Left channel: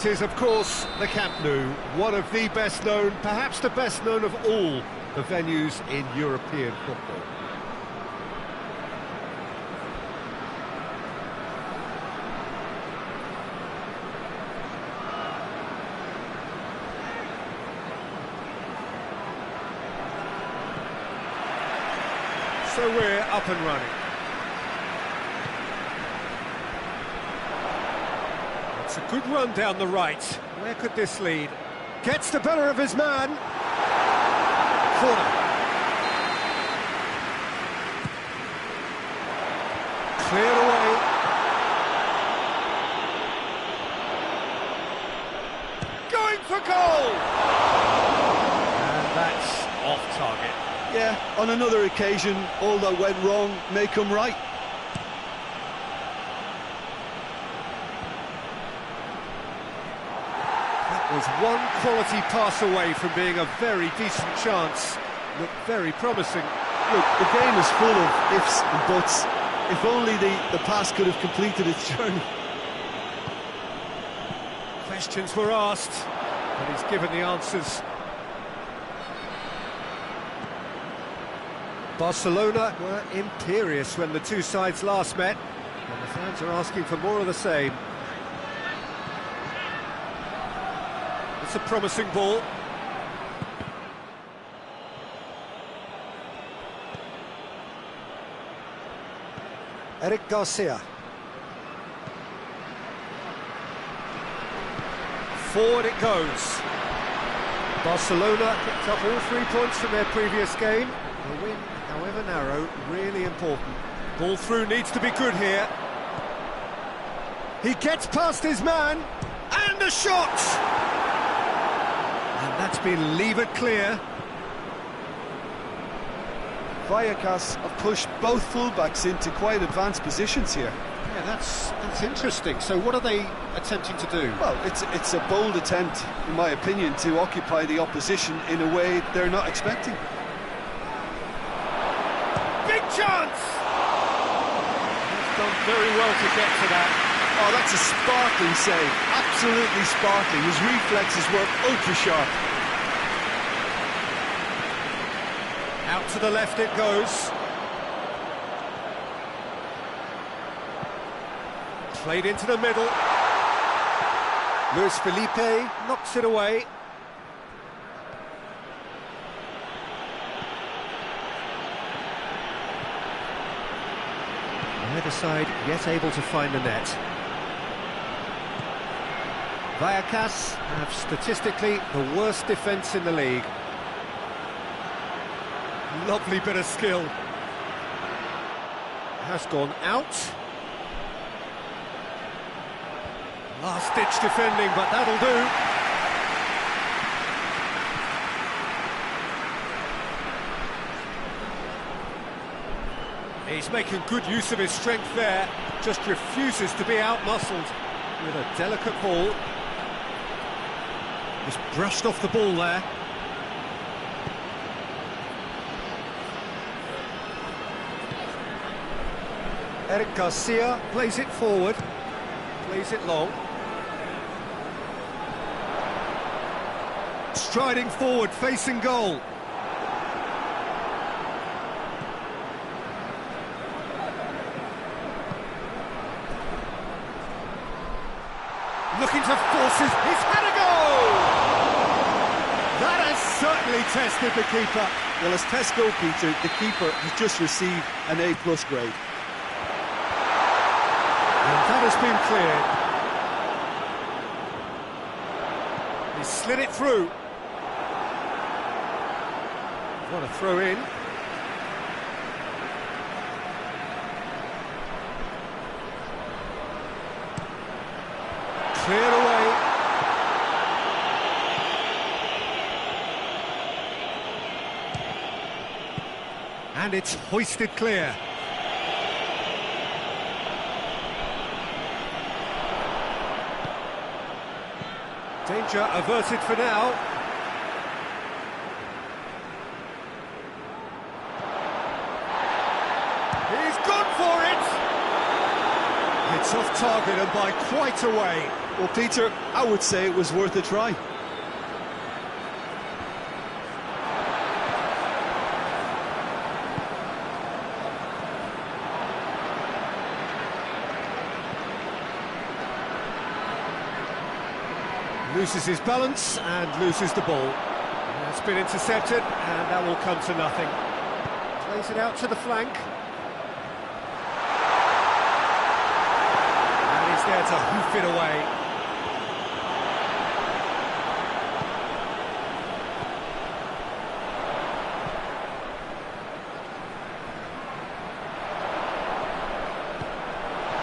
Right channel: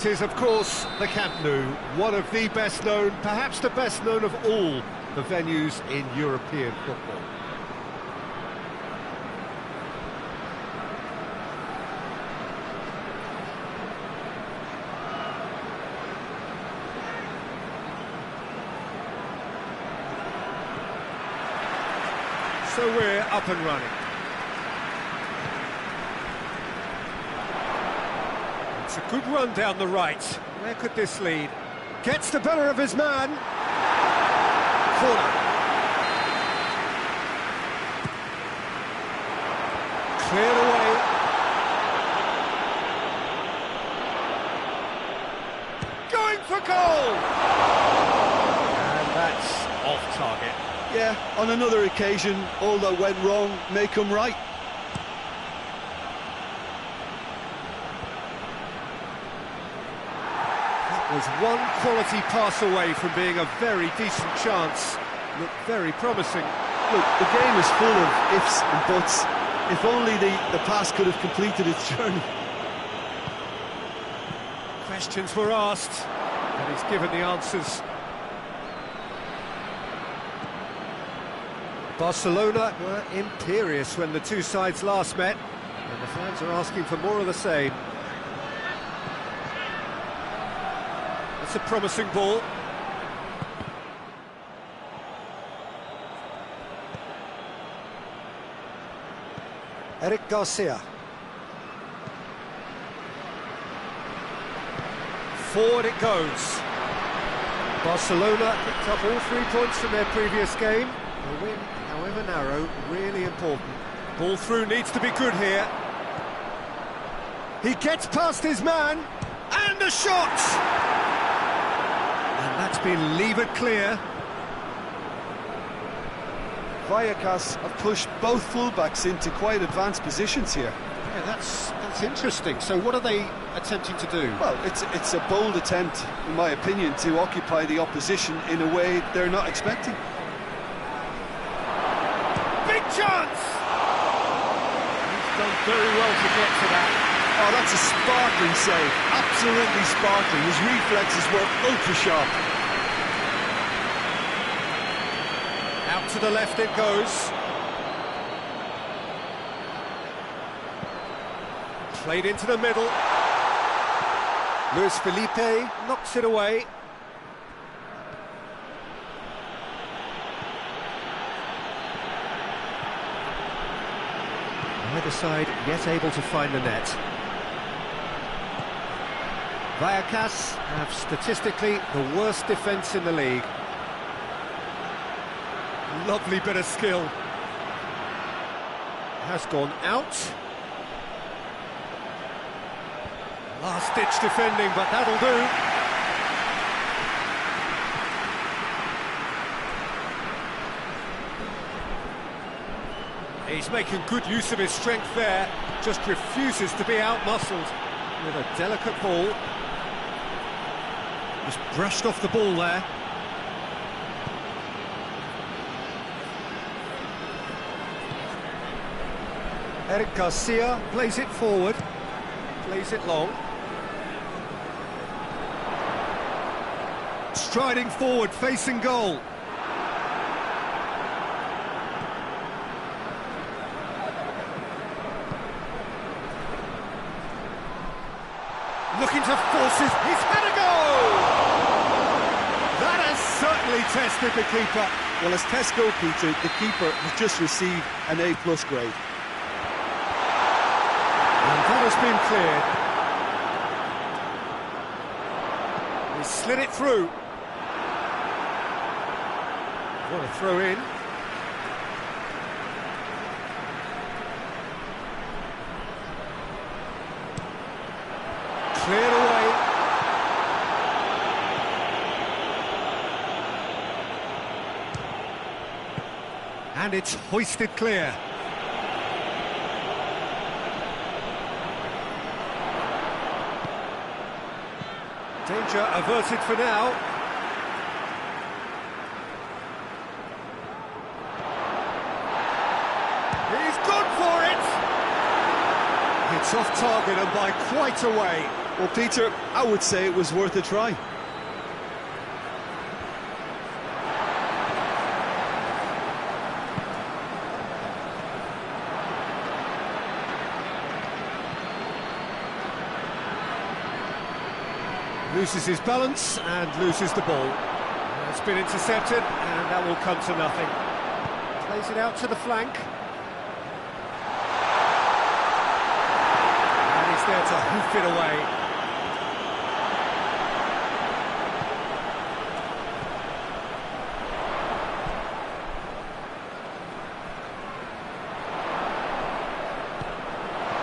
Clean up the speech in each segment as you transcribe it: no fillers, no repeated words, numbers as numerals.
It is, of course, the Camp Nou, one of the best known, perhaps the best known of all the venues in European football. So we're up and running. It's a good run down the right. Where could this lead? Gets the better of his man. Corner. Cleared away. Going for goal! And that's off target. Yeah, on another occasion, all that went wrong may come right. Was one quality pass away from being a very decent chance. Looked very promising. Look, the game is full of ifs and buts. If only the pass could have completed its journey. Questions were asked, but he's given the answers. Barcelona were imperious when the two sides last met, and the fans are asking for more of the same. It's a promising ball. Eric Garcia. Forward it goes. Barcelona picked up all 3 points from their previous game. The win, however narrow, really important. Ball through needs to be good here. He gets past his man, and a shot! And that's been levered clear. Vallecas have pushed both fullbacks into quite advanced positions here. Yeah, that's interesting. So what are they attempting to do? Well, it's a bold attempt, in my opinion, to occupy the opposition in a way they're not expecting. Big chance! He's done very well to get to that. Oh, that's a sparkling save, absolutely sparkling. His reflexes were ultra-sharp. Out to the left it goes. Played into the middle. Luis Felipe knocks it away. Neither side yet able to find the net. Vallecas have statistically the worst defence in the league. Lovely bit of skill. Has gone out. Last-ditch defending, but that'll do. He's making good use of his strength there. Just refuses to be out-muscled with a delicate ball. Just brushed off the ball there. Eric Garcia plays it forward, plays it long. Striding forward, facing goal. Looking to force he's had a goal! That has certainly tested the keeper. Well, as test goalkeeper, the keeper has just received an A+ grade. And that has been cleared. He slid it through. What a throw in. Cleared away. And it's hoisted clear. Danger averted for now. He's gone for it! It's off target and by quite a way. Well, Peter, I would say it was worth a try. Loses his balance and loses the ball. It's been intercepted, and that will come to nothing. Plays it out to the flank. And he's there to hoof it away.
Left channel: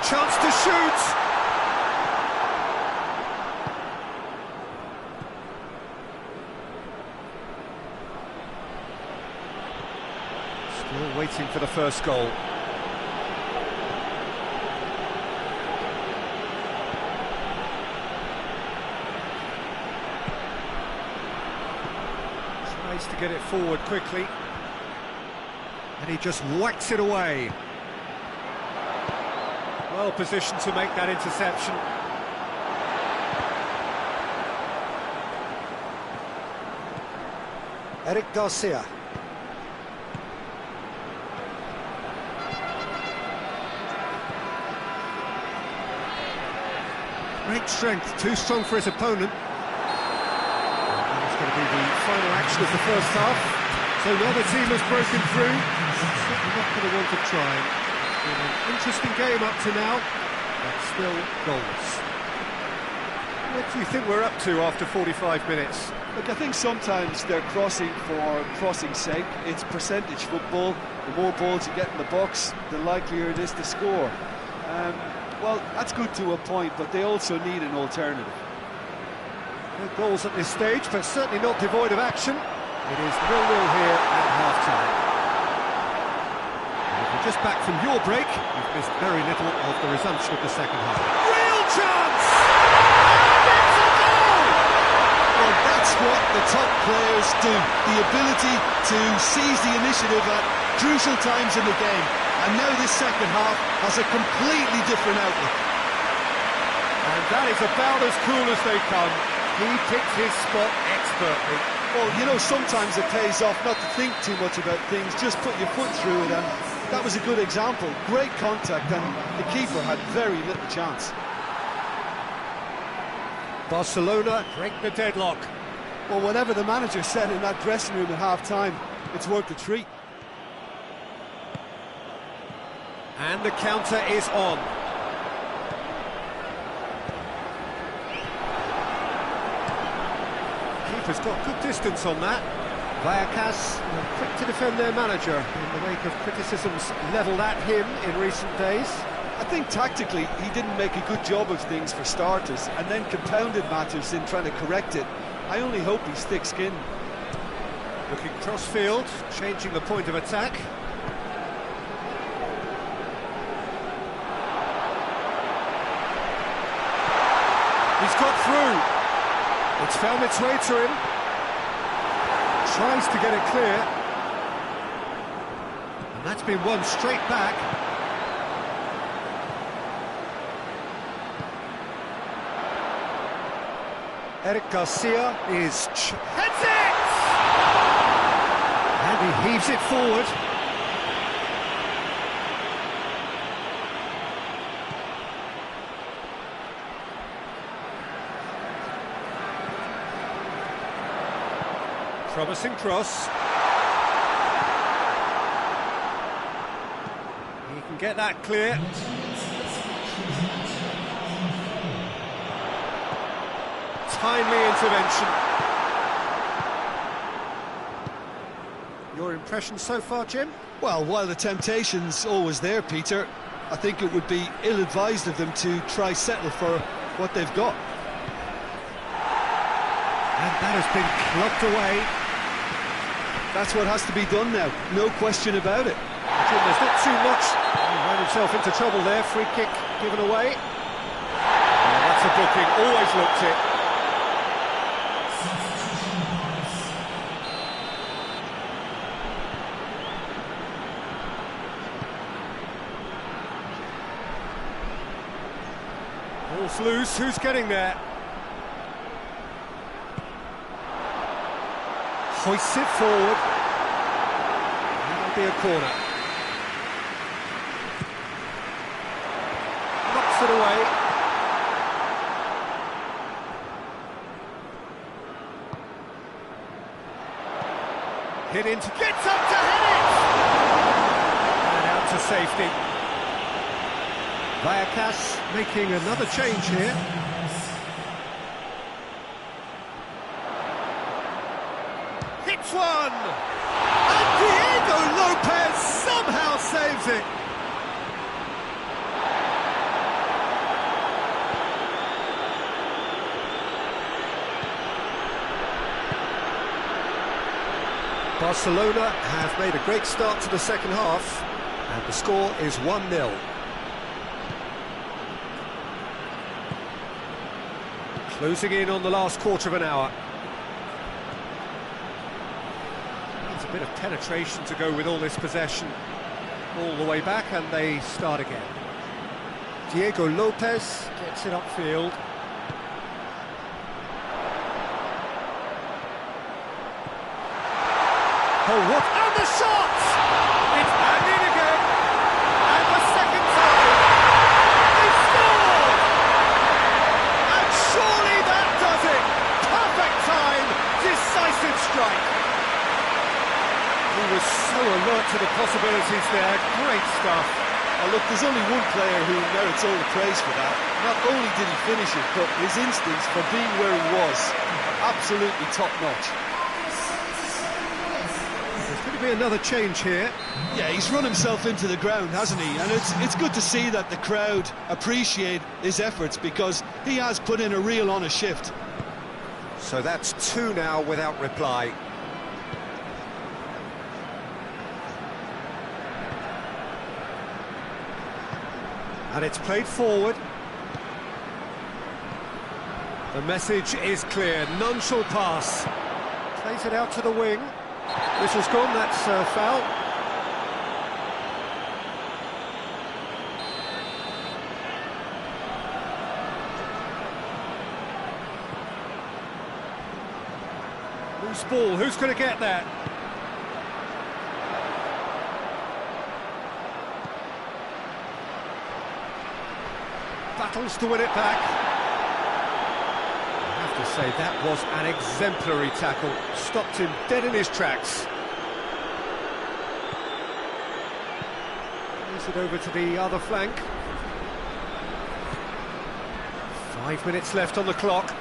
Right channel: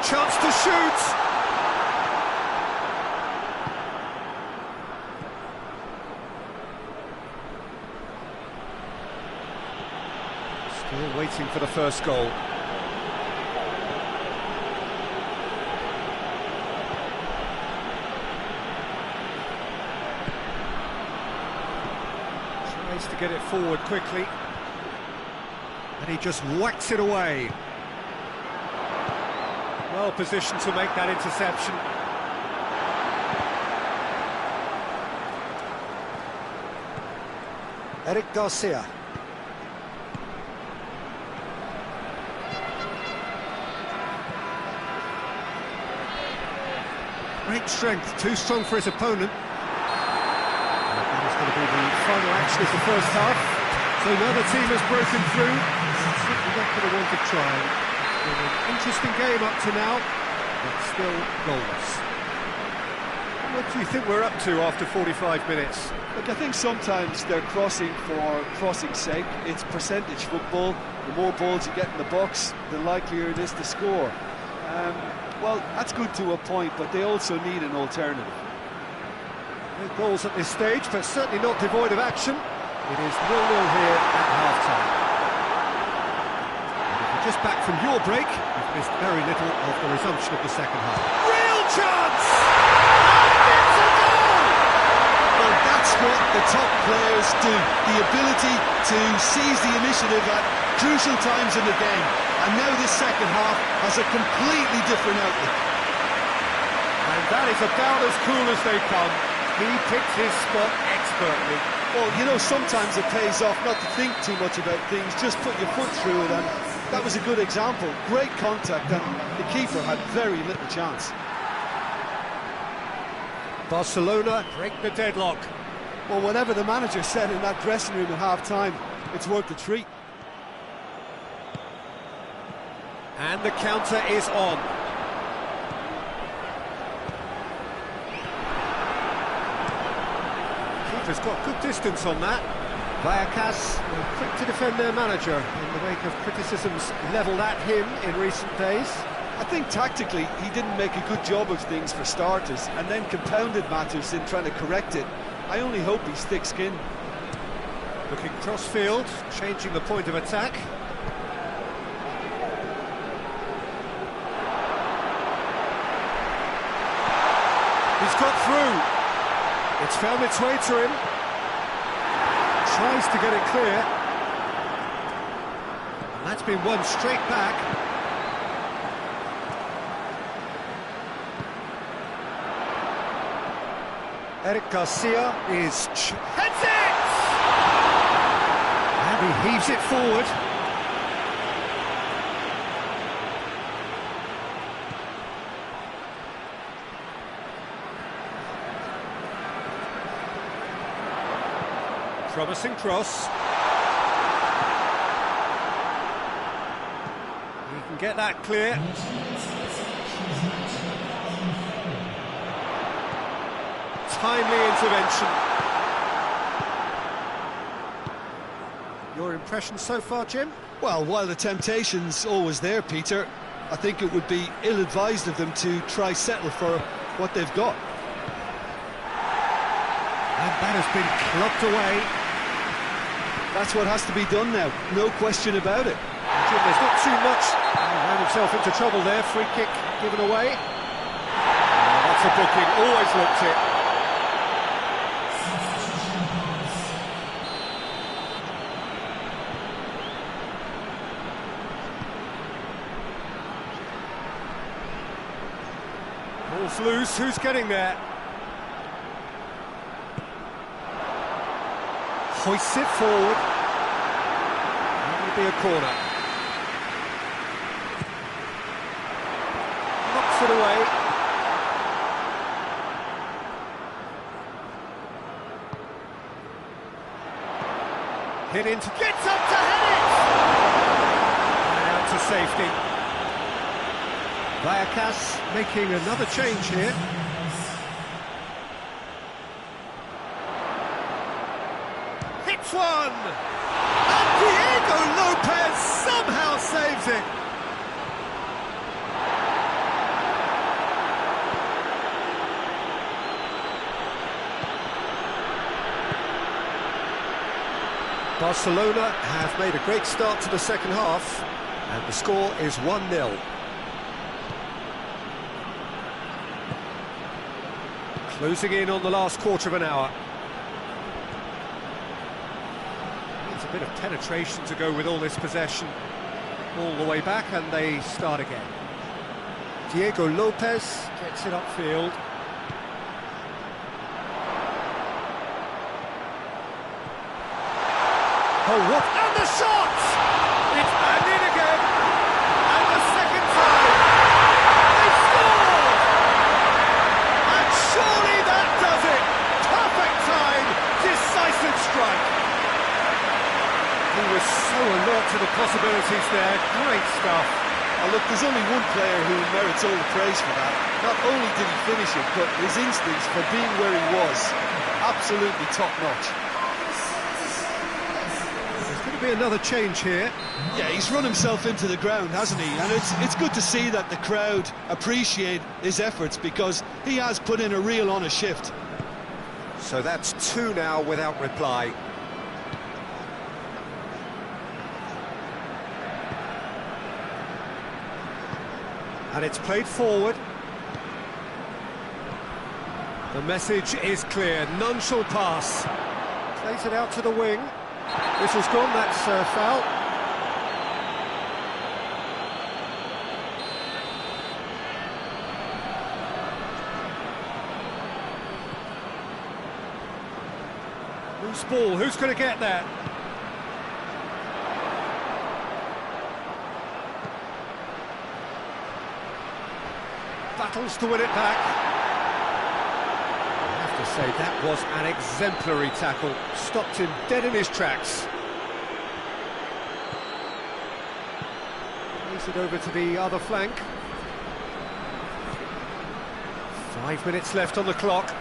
Chance to shoot! Still waiting for the first goal. Tries to get it forward quickly. And he just whacks it away. Well positioned to make that interception. Eric Garcia. Great strength, too strong for his opponent. That is going to be the final action of the first half. So neither team has broken through. It's certainly not going to want to try. It's been an interesting game up to now, but still goalless. What do you think we're up to after 45 minutes? Look, I think sometimes they're crossing for crossing's sake. It's percentage football. The more balls you get in the box, the likelier it is to score. Well, that's good to a point, but they also need an alternative. No goals at this stage, but certainly not devoid of action. It is 0-0 here at half-time. And if you're just back from your break, you've missed very little of the resumption of the second half. Real chance! And it's a goal! Well, that's what the top players do. The ability to seize the initiative at crucial times in the game. And now this second half has a completely different outlook. And that is about as cool as they come. He picked his spot expertly. Well, you know, sometimes it pays off not to think too much about things, just put your foot through it, and that was a good example. Great contact, and the keeper had very little chance. Barcelona break the deadlock. Well, whatever the manager said in that dressing room at half-time, it's worth the treat. And the counter is on. Keeper's got good distance on that. Vallecas were quick to defend their manager in the wake of criticisms levelled at him in recent days. I think tactically he didn't make a good job of things for starters, and then compounded matters in trying to correct it. I only hope he's thick-skinned. Looking cross-field, changing the point of attack. He's got through. It's found its way to him. Tries to get it clear. And that's been won straight back. Eric Garcia heads it! And he heaves it forward. Promising cross. He can get that clear. Timely intervention. Your impression so far, Jim? Well, while the temptation's always there, Peter, I think it would be ill-advised of them to try settle for what they've got. And that has been clubbed away. That's what has to be done now, no question about it. Jim, there's not too much. He ran himself into trouble there, free kick given away. Oh, that's a booking, always looked it. Ball Ball's loose, who's getting there? Hoists it forward. That'll be a corner. Knocks it away. Hit into, gets up to head it! And out to safety. Vallecas making another change here. Hits one! And Diego Lopez somehow saves it! Barcelona have made a great start to the second half, and the score is 1-0. Closing in on the last quarter of an hour. Needs a bit of penetration to go with all this possession. All the way back, and they start again. Diego Lopez gets it upfield. Oh, what? And the shot! It's and in again! And the second time! They scored! And surely that does it! Perfect time! Decisive strike! He was so alert to the possibilities there. Great stuff. Oh, look, there's only one player who merits all the praise for that. Not only did he finish it, but his instincts for being where he was, absolutely top-notch. There's going to be another change here. Yeah, he's run himself into the ground, hasn't he? And it's good to see that the crowd appreciate his efforts, because he has put in a real honest shift. So that's two now without reply. And it's played forward. The message is clear, none shall pass. Plays it out to the wing. Whistle's gone, that's foul. Loose ball, who's going to get that? Battles to win it back. I have to say, that was an exemplary tackle. Stopped him dead in his tracks. Plays it over to the other flank. 5 minutes left on the clock.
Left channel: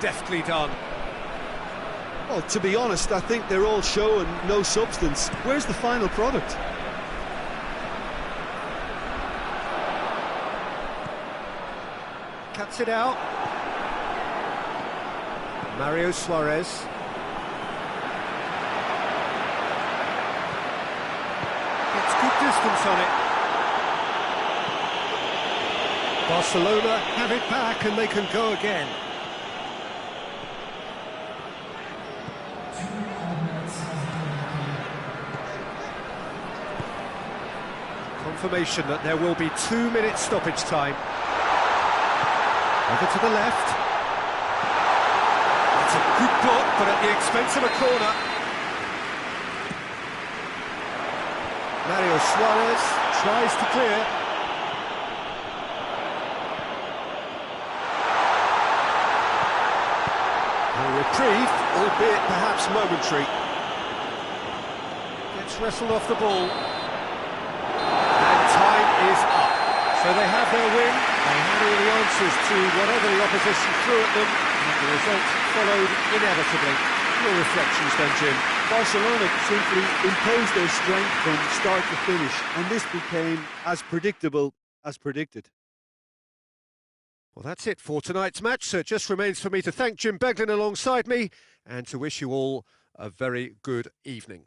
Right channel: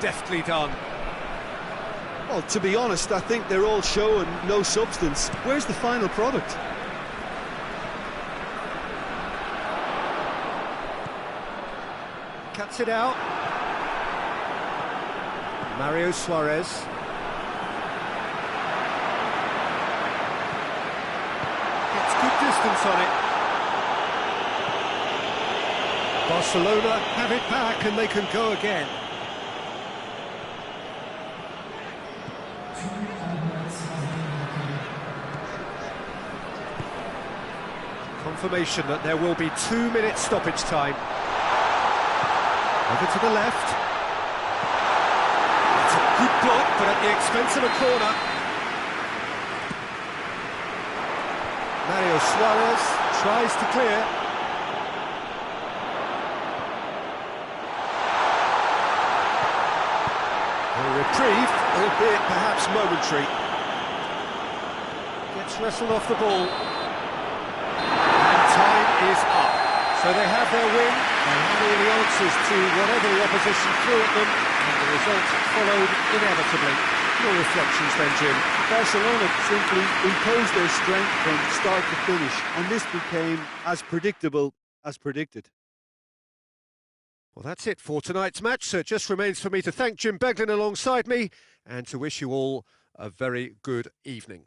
Deftly done. Well, to be honest, I think they're all show and no substance. Where's the final product? Cuts it out. Mario Suarez. Gets good distance on it. Barcelona have it back and they can go again. Confirmation that there will be 2 minutes stoppage time. Over to the left. That's a good block, but at the expense of a corner. Mario Suarez tries to clear. A reprieve, albeit perhaps momentary. Gets wrestled off the ball. And time is up. So they have their win, they had all the answers to whatever the opposition threw at them, and the result followed inevitably. Your reflections then, Jim? Barcelona simply imposed their strength from start to finish, and this became as predictable as predicted. Well, that's it for tonight's match, so it just remains for me to thank Jim Beglin alongside me, and to wish you all a very good evening.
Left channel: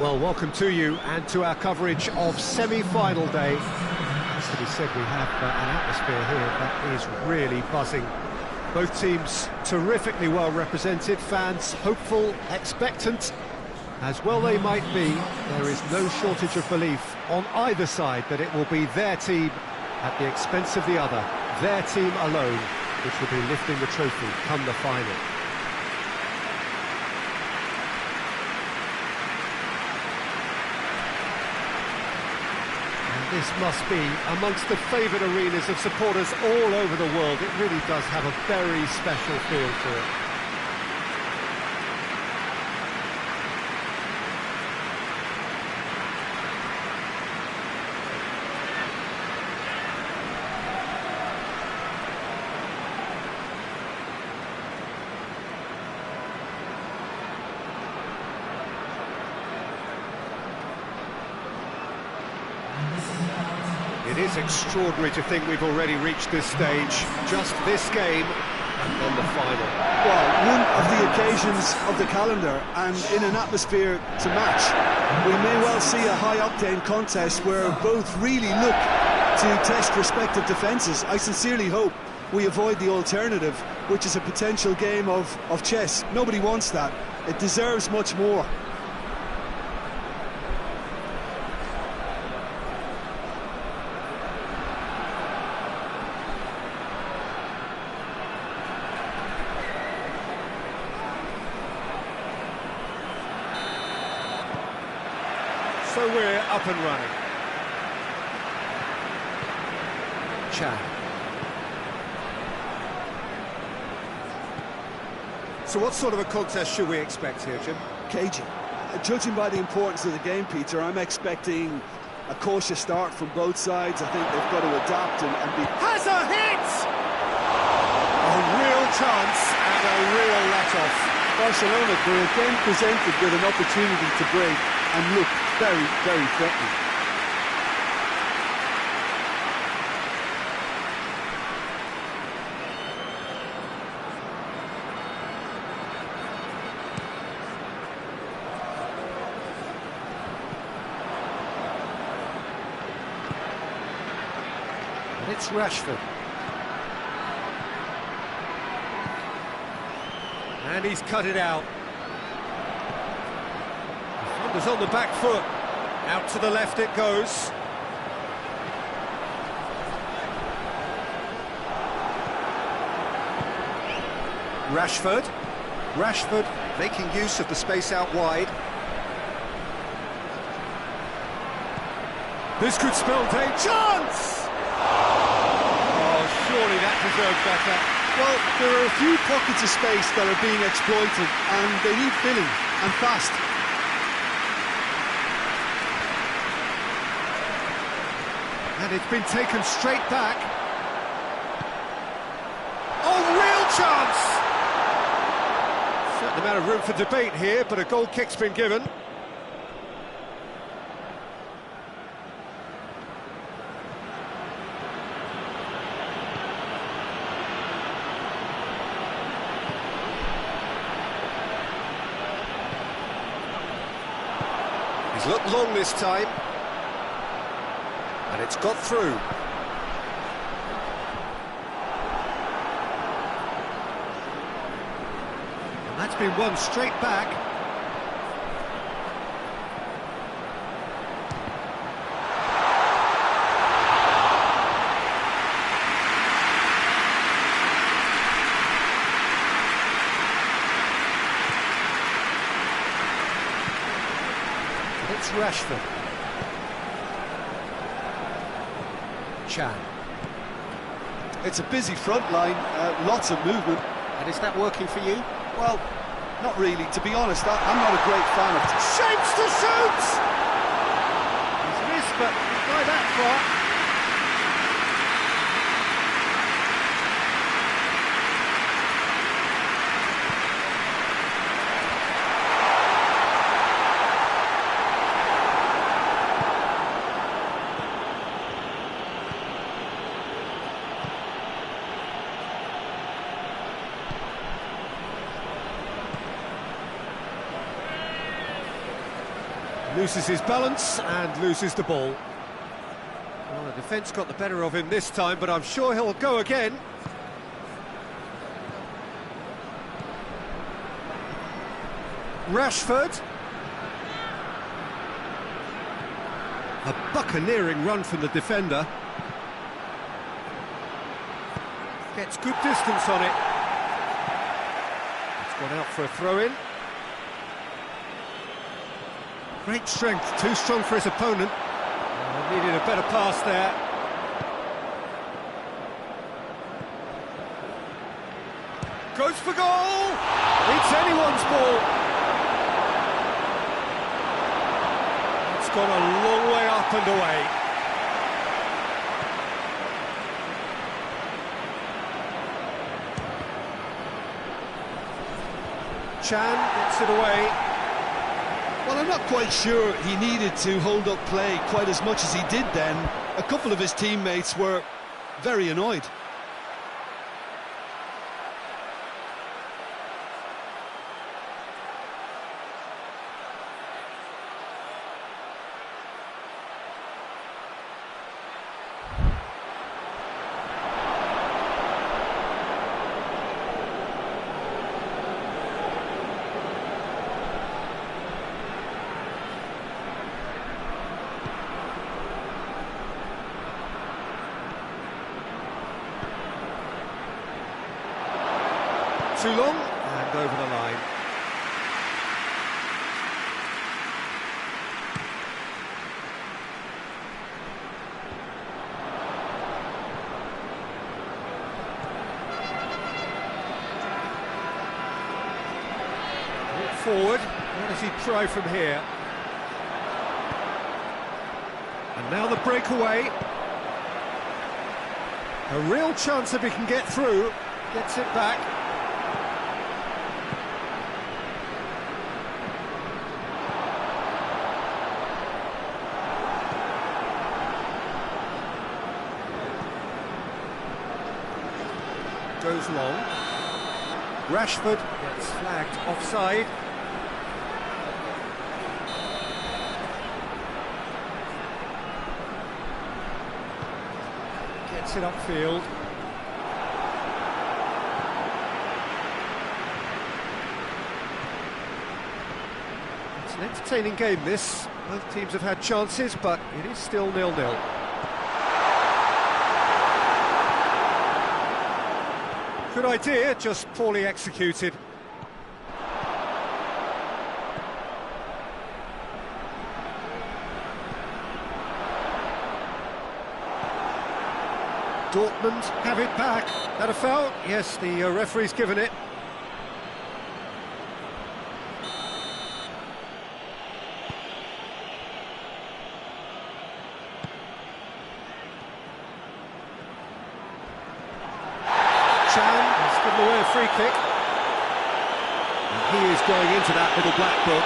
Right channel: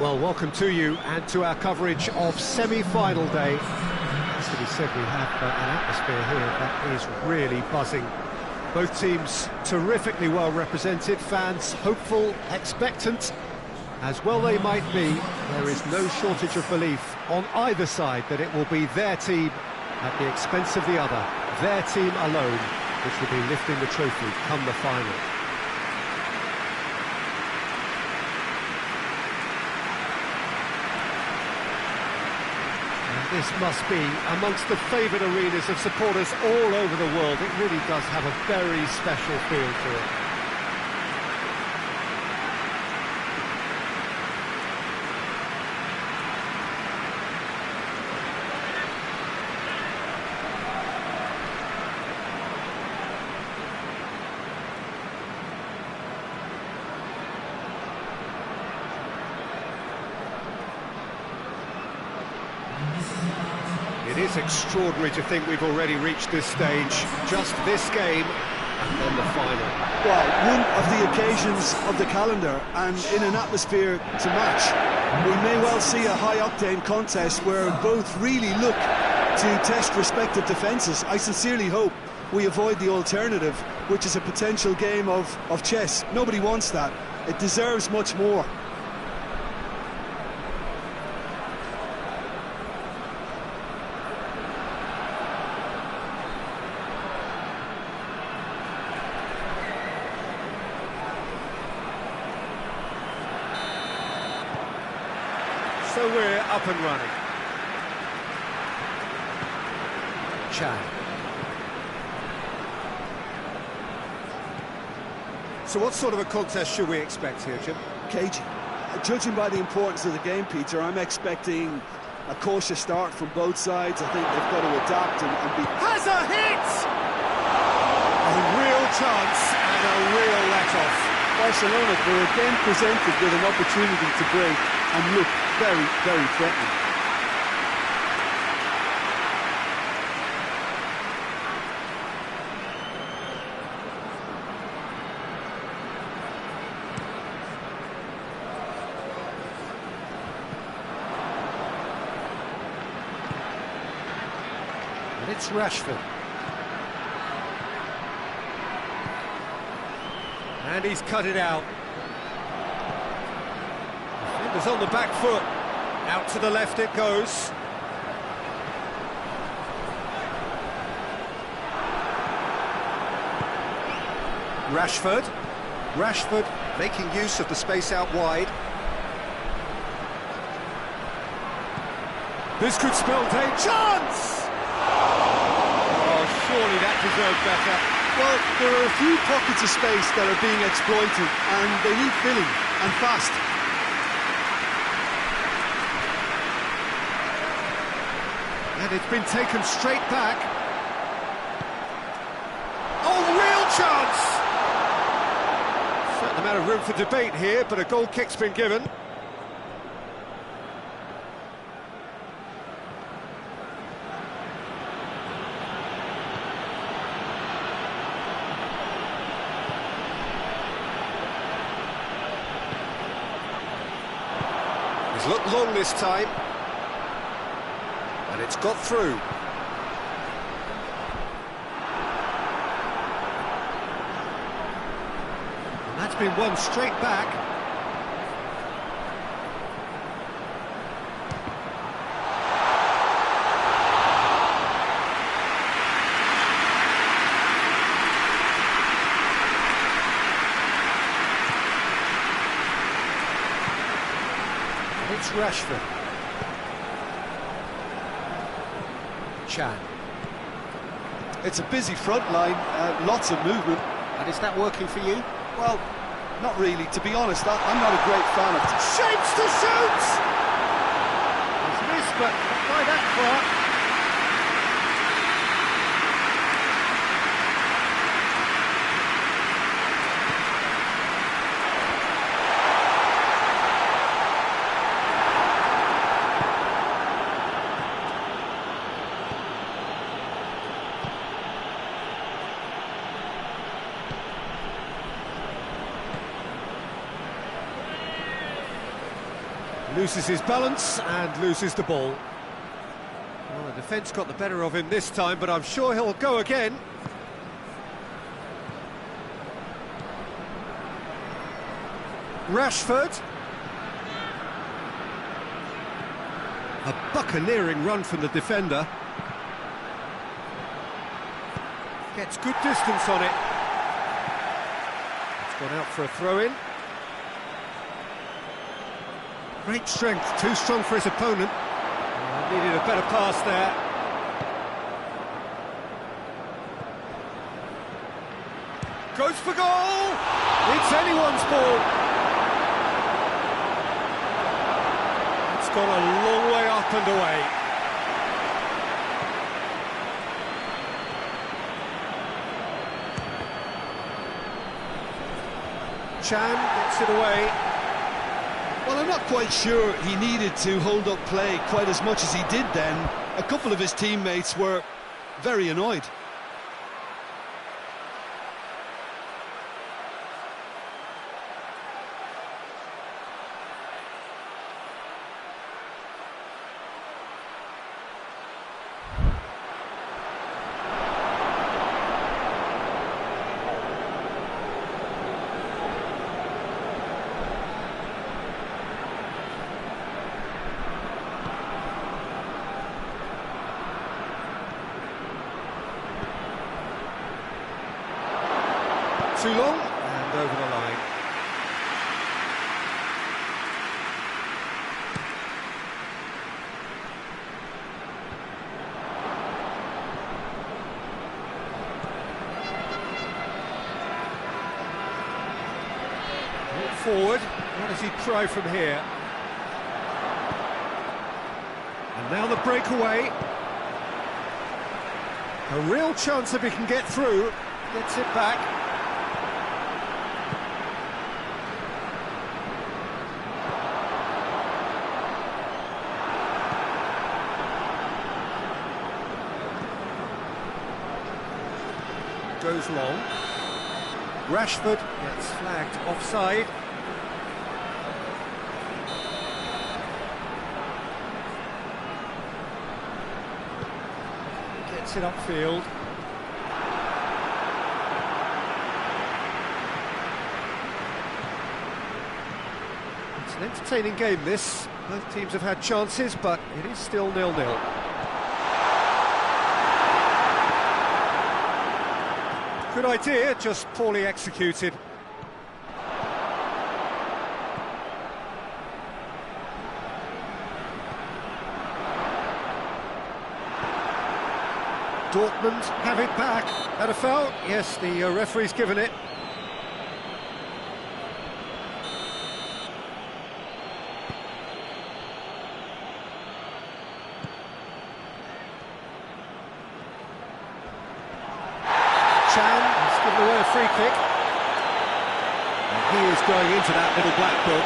Well, welcome to you and to our coverage of semi-final day. It has to be said, we have an atmosphere here that is really buzzing. Both teams terrifically well represented, fans hopeful, expectant. As well they might be, there is no shortage of belief on either side that it will be their team at the expense of the other, their team alone, which will be lifting the trophy come the final. This must be amongst the favoured arenas of supporters all over the world. It really does have a very special feel to it. It is extraordinary to think we've already reached this stage. Just this game, and then the final. Well, one of the occasions of the calendar, and in an atmosphere to match. We may well see a high-octane contest where both really look to test respective defences. I sincerely hope we avoid the alternative, which is a potential game of chess. Nobody wants that. It deserves much more. So we're up and running. Chan. So what sort of a contest should we expect here, Jim? Cagey. Judging by the importance of the game, Peter, I'm expecting a cautious start from both sides. I think they've got to adapt and be... Has a hit! A real chance and a real let-off. Barcelona were again presented with an opportunity to break and look very, very threatening. And it's Rashford. And he's cut it out. Defender's on the back foot. Out to the left it goes. Rashford making use of the space out wide. This could spell day. Chance! Oh, surely that deserved better. Well, there are a few pockets of space that are being exploited, and they need filling, and fast. And it's been taken straight back. Oh, real chance! Certain amount of room for debate here, but a goal kick's been given. He's looked long this time. And it's got through. And that's been won straight back. And it's Rashford. Chan. It's a busy front line, lots of movement. And is that working for you? Well, not really. To be honest, I'm not a great fan of... Shapes to shoot! He's missed, but not by that far. Loses his balance and loses the ball. Well, the defence got the better of him this time, but I'm sure he'll go again. Rashford. A buccaneering run from the defender. Gets good distance on it. It's gone out for a throw-in. Great strength, too strong for his opponent. Needed a better pass there. Goes for goal! It's anyone's ball. It's gone a long way up and away. Chan gets it away. Well, I'm not quite sure he needed to hold up play quite as much as he did then. A couple of his teammates were very annoyed. Too long, and over the line. Walk forward, what does he try from here? And now the breakaway. A real chance if he can get through, gets it back. Goes long. Rashford gets flagged offside. Gets it upfield. It's an entertaining game, this. Both teams have had chances, but it is still 0-0. Good idea, just poorly executed. Dortmund have it back. That a foul? Yes, the referee's given it. Chan has given away a free kick. And he is going into that little black book.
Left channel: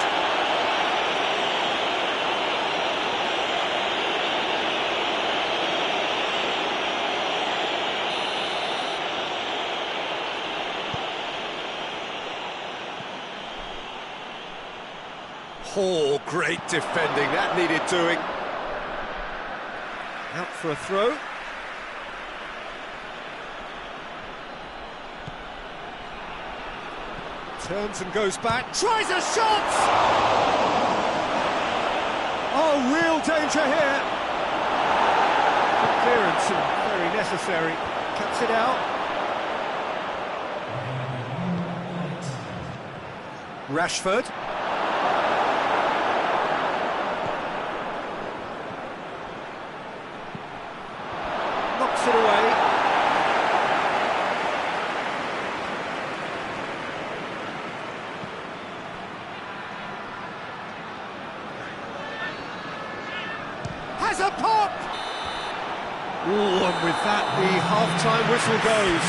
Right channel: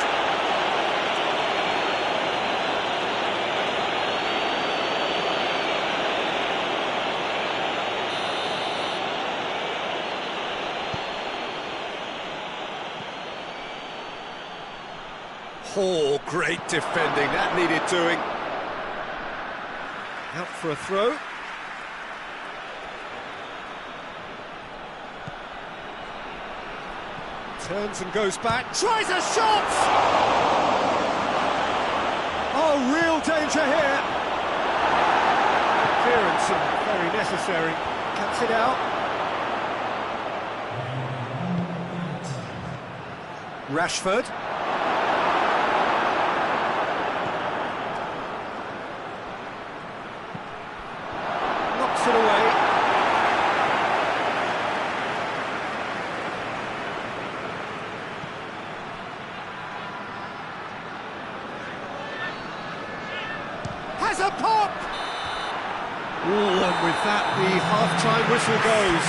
Oh, great defending, that needed doing. Out for a throw. Turns and goes back, tries a shot! Oh, real danger here. Good clearance and very necessary. Cuts it out. Rashford. Knocks it away. Has a pop! Oh, and with that, the half-time whistle goes.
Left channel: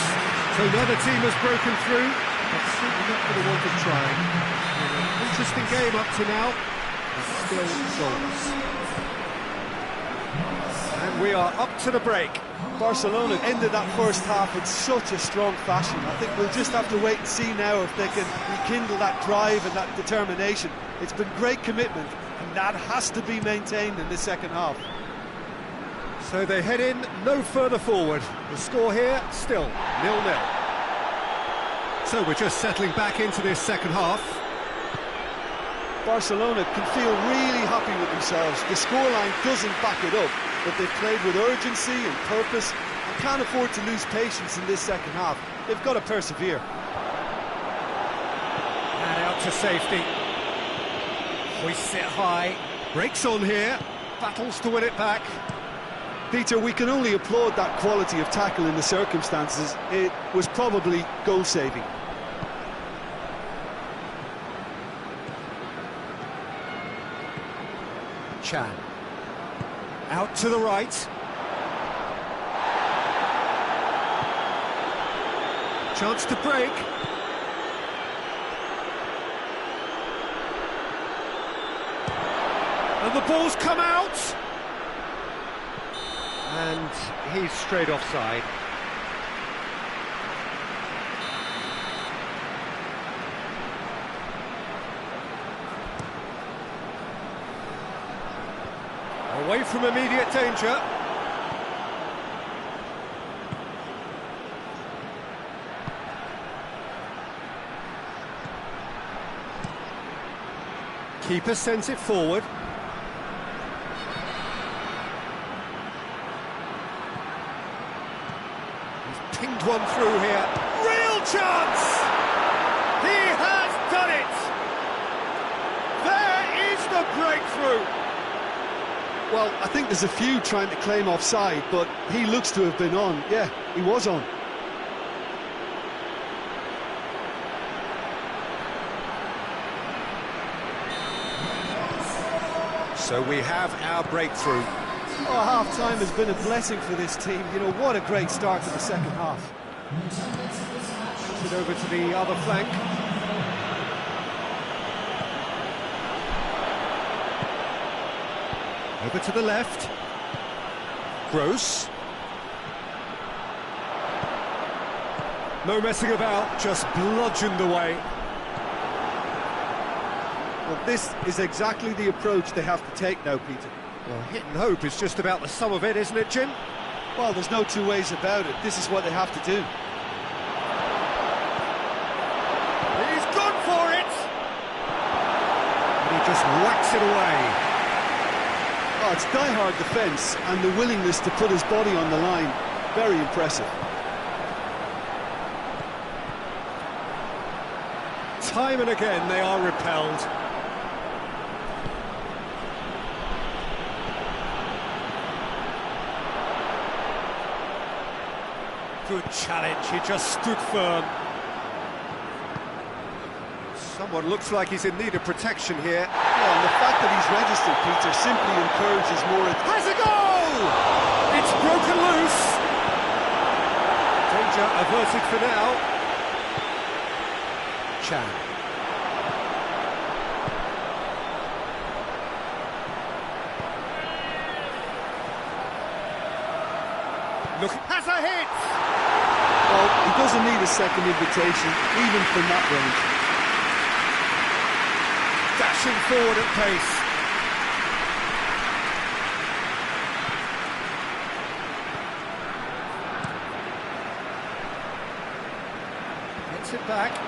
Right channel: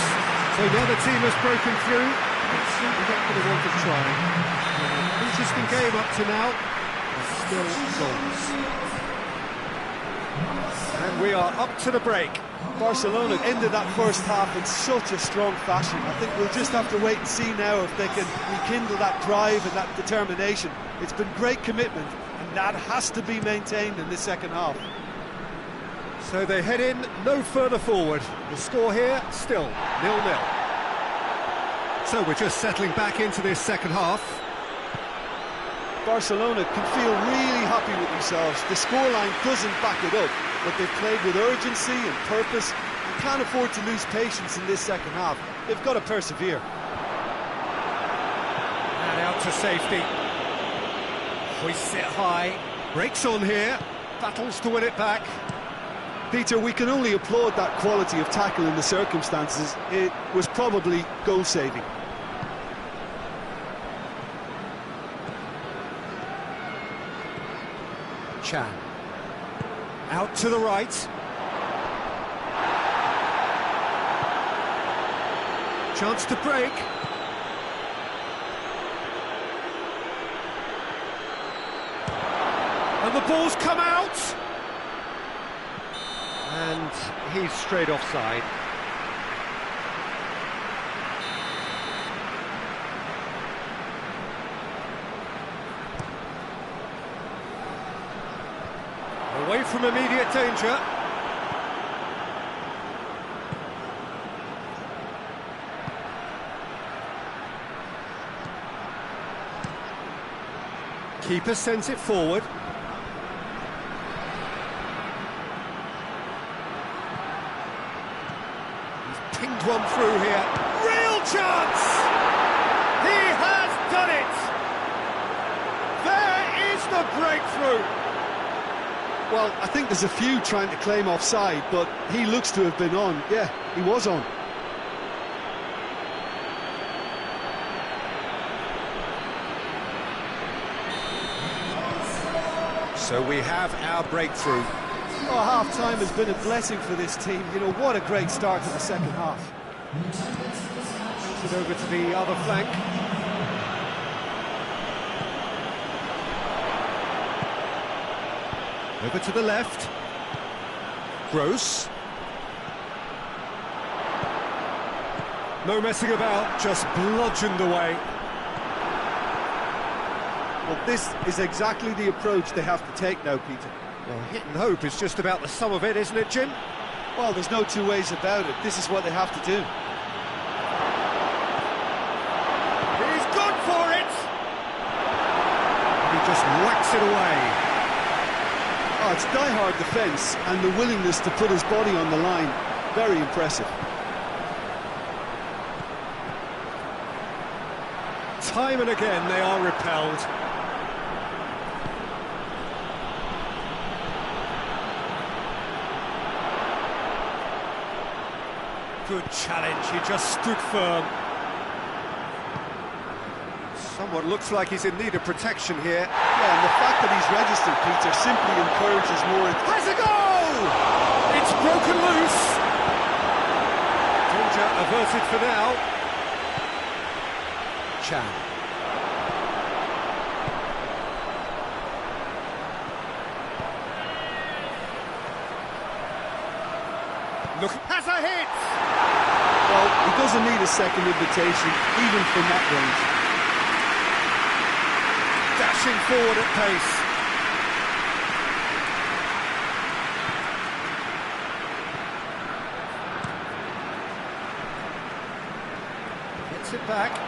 So another team has broken through, but certainly not for the want of trying. An interesting game up to now, but still goals. And we are up to the break. Barcelona ended that first half in such a strong fashion. I think we'll just have to wait and see now if they can rekindle that drive and that determination. It's been great commitment, and that has to be maintained in the second half. So they head in no further forward. The score here, still 0-0. So we're just settling back into this second half. Barcelona can feel really happy with themselves. The scoreline doesn't back it up, but they've played with urgency and purpose and can't afford to lose patience in this second half. They've got to persevere. And out to safety. Hoists it high. Breaks on here. Battles to win it back. Peter, we can only applaud that quality of tackle in the circumstances. It was probably goal-saving. Chan. Out to the right. Chance to break. And the ball's come out. And he's straight offside. Away from immediate danger. Keeper sends it forward. He's pinged one through here. Real chance! He has done it! There is the breakthrough! Well, I think there's a few trying to claim offside, but he looks to have been on. Yeah, he was on. So we have our breakthrough. Oh, half-time has been a blessing for this team. You know, what a great start to the second half. Brings it over to the other flank. Over to the left. Gross. No messing about, just bludgeoned away. Well, this is exactly the approach they have to take now, Peter. Well, hit and hope is just about the sum of it, isn't it, Jim? Well, there's no two ways about it. This is what they have to do. He's gone for it! And he just whacks it away. Oh, it's die-hard defence and the willingness to put his body on the line. Very impressive. Time and again they are repelled. Good challenge, he just stood firm. Someone looks like he's in need of protection here. Yeah, and the fact that he's registered, Peter, simply encourages more... Has a goal! It's broken loose. Danger averted for now. Chan. Look, has a hit! Well, he doesn't need a second invitation, even from that range. Dashing forward at pace. Gets it back.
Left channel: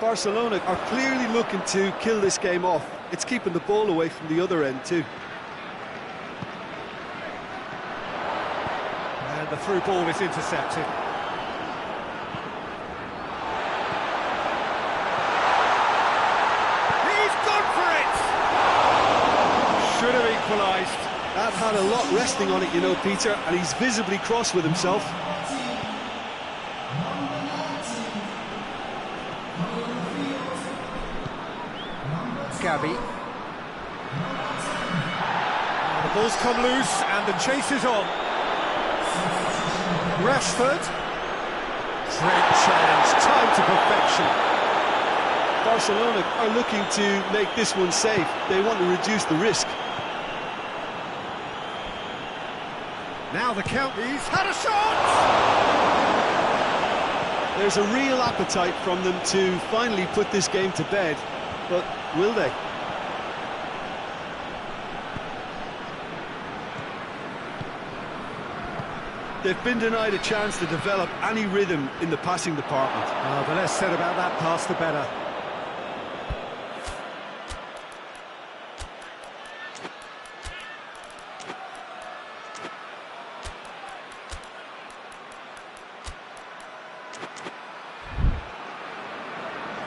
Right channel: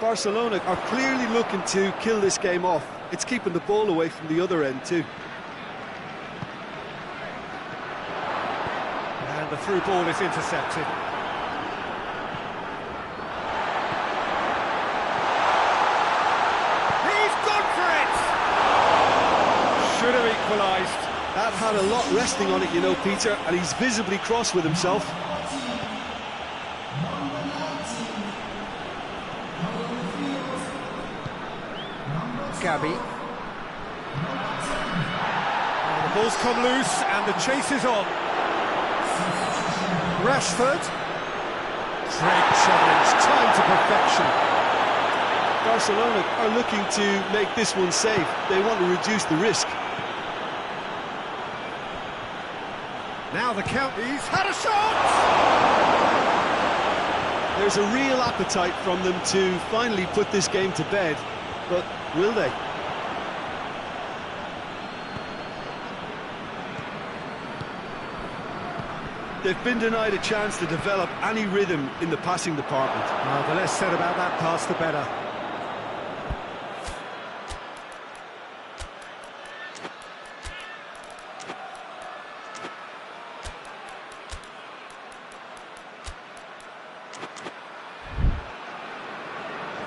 Barcelona are clearly looking to kill this game off. It's keeping the ball away from the other end too. And the through ball is intercepted. He's gone for it! Should have equalised. That had a lot resting on it, you know, Peter, and he's visibly cross with himself. Gabby. Oh, the ball's come loose and the chase is on. Rashford. Great challenge, time to perfection. Barcelona are looking to make this one safe. They want to reduce the risk. Now the count, he's had a shot! There's a real appetite from them to finally put this game to bed, but will they? They've been denied a chance to develop any rhythm in the passing department. Well, the less said about that pass, the better.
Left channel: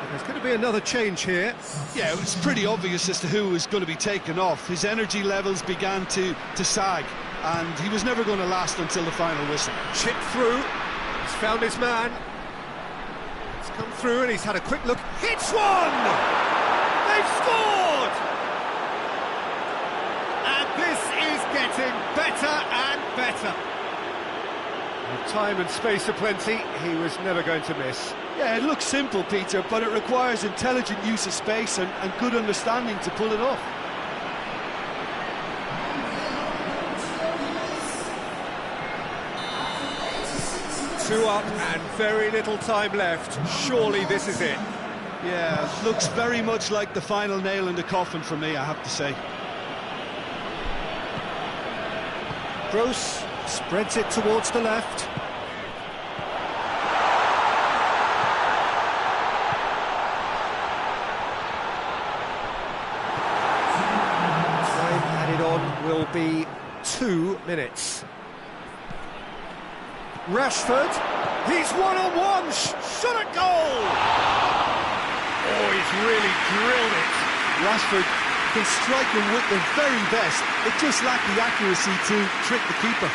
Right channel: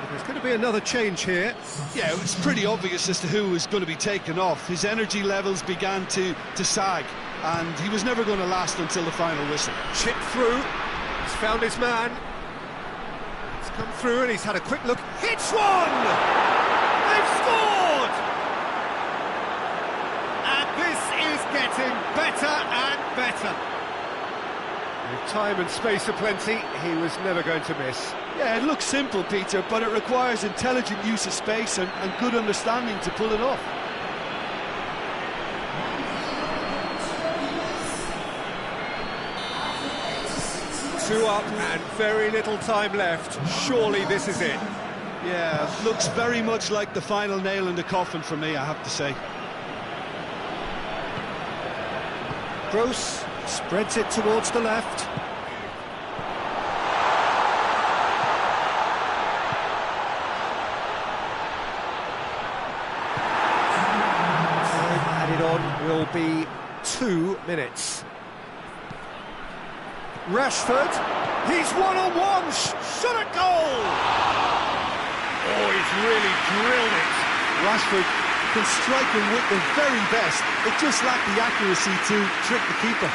There's going to be another change here. Yeah, it was pretty obvious as to who was going to be taken off. His energy levels began to sag, and he was never going to last until the final whistle. Chip through, he's found his man. He's come through and he's had a quick look. Hits one! They've scored! And this is getting better and better. With time and space aplenty, he was never going to miss. Yeah, it looks simple, Peter, but it requires intelligent use of space and good understanding to pull it off. Two up and very little time left. Surely this is it. Yeah, looks very much like the final nail in the coffin for me, I have to say. Gross spreads it towards the left. Time added on will be 2 minutes. Rashford, he's one-on-one, shot at goal! Oh, he's really drilled it. Rashford can strike him with the very best. It just lacked the accuracy to trick the keeper.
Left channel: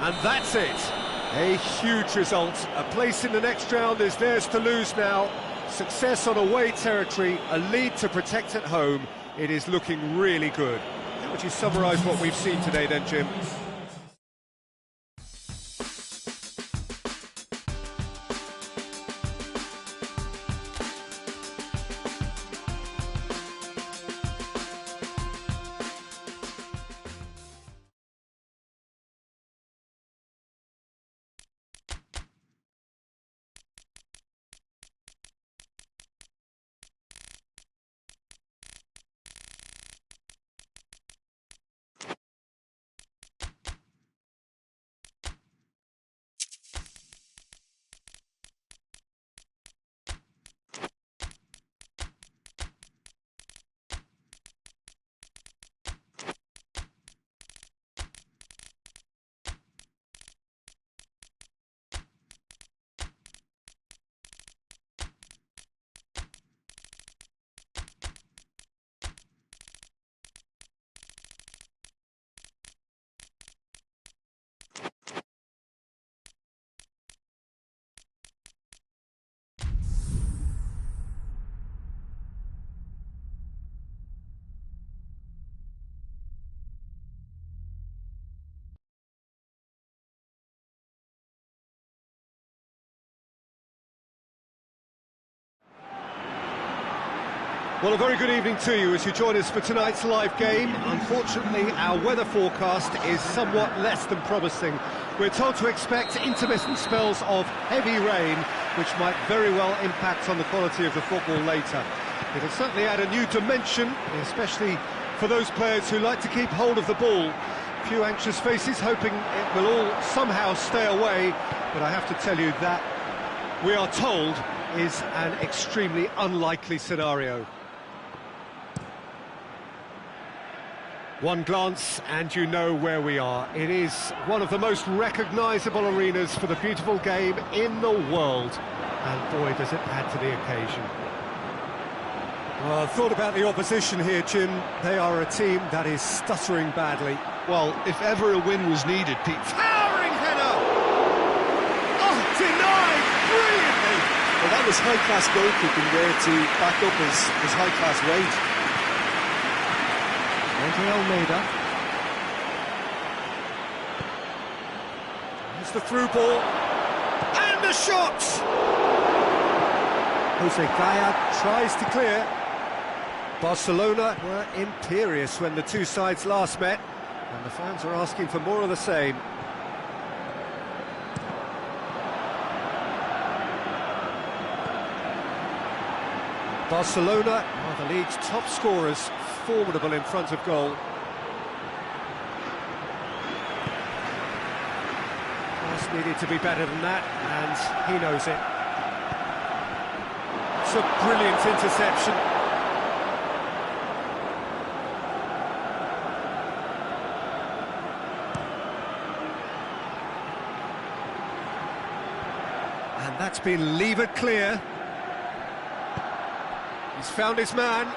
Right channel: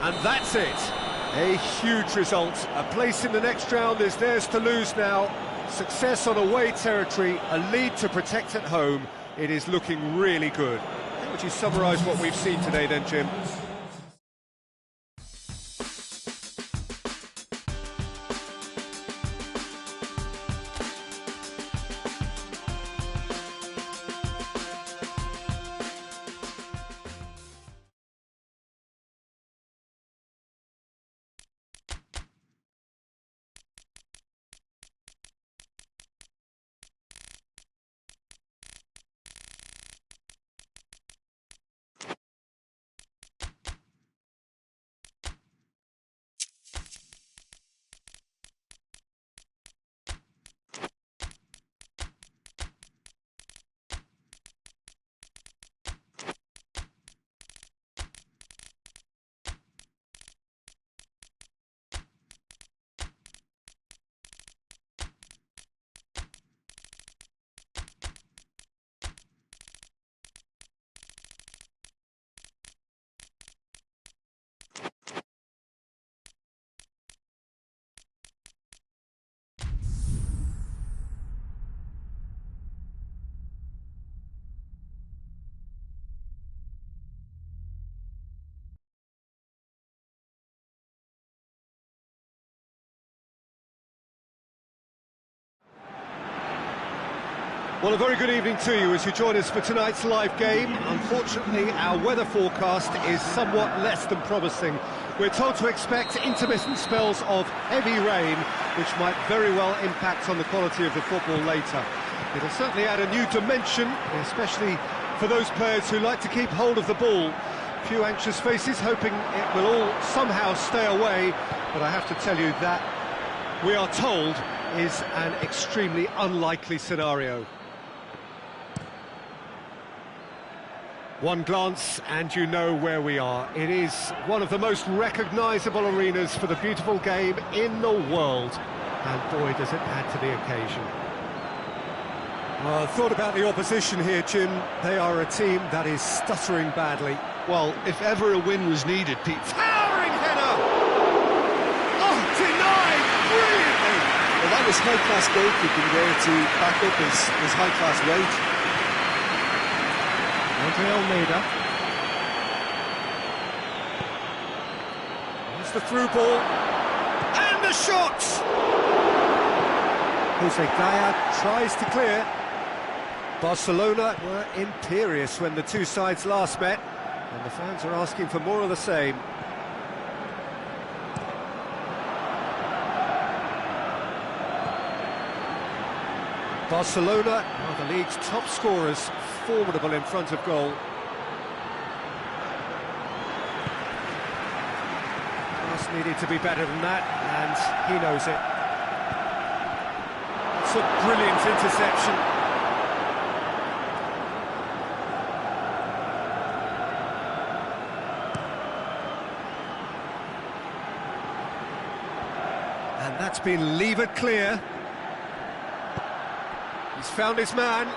And that's it. A huge result. A place in the next round is theirs to lose now. Success on away territory, a lead to protect at home. It is looking really good. How would you summarise what we've seen today then, Jim? Well, a very good evening to you as you join us for tonight's live game. Unfortunately, our weather forecast is somewhat less than promising. We're told to expect intermittent spells of heavy rain, which might very well impact on the quality of the football later. It'll certainly add a new dimension, especially for those players who like to keep hold of the ball. A few anxious faces hoping it will all somehow stay away, but I have to tell you that we are told is an extremely unlikely scenario. One glance and you know where we are. It is one of the most recognisable arenas for the beautiful game in the world. And boy, does it add to the occasion. Well, thought about the opposition here, Jim. They are a team that is stuttering badly. Well, if ever a win was needed, Pete... Towering header! Oh, denied brilliantly! Well, that was high-class goalkeeping there to back up his high-class rage. Andre Almeida. It's the through ball. And the shot! Jose Gaya tries to clear. Barcelona were imperious when the two sides last met, and the fans are asking for more of the same. Barcelona are the league's top scorers, formidable in front of goal. Pass needed to be better than that, and he knows it. It's a brilliant interception. And that's been levered clear. He's found his man.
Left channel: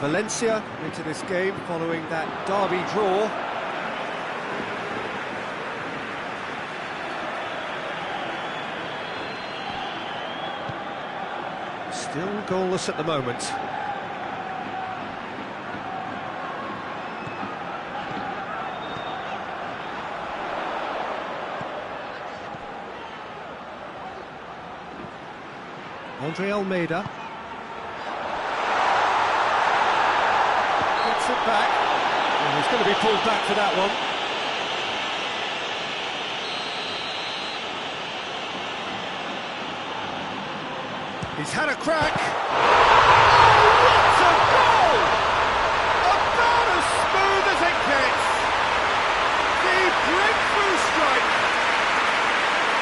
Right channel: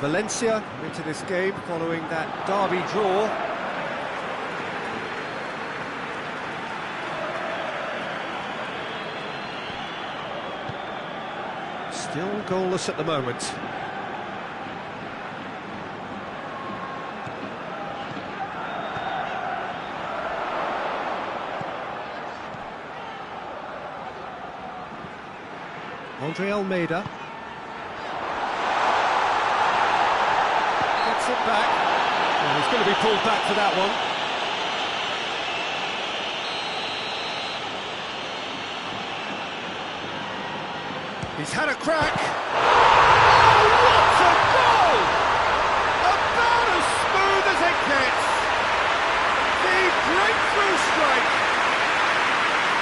Valencia into this game following that derby draw. Still goalless at the moment. Andre Almeida gets it back. Well, he's going to be pulled back for that one. He's had a crack. Oh, what a goal! About as smooth as it gets. The breakthrough strike.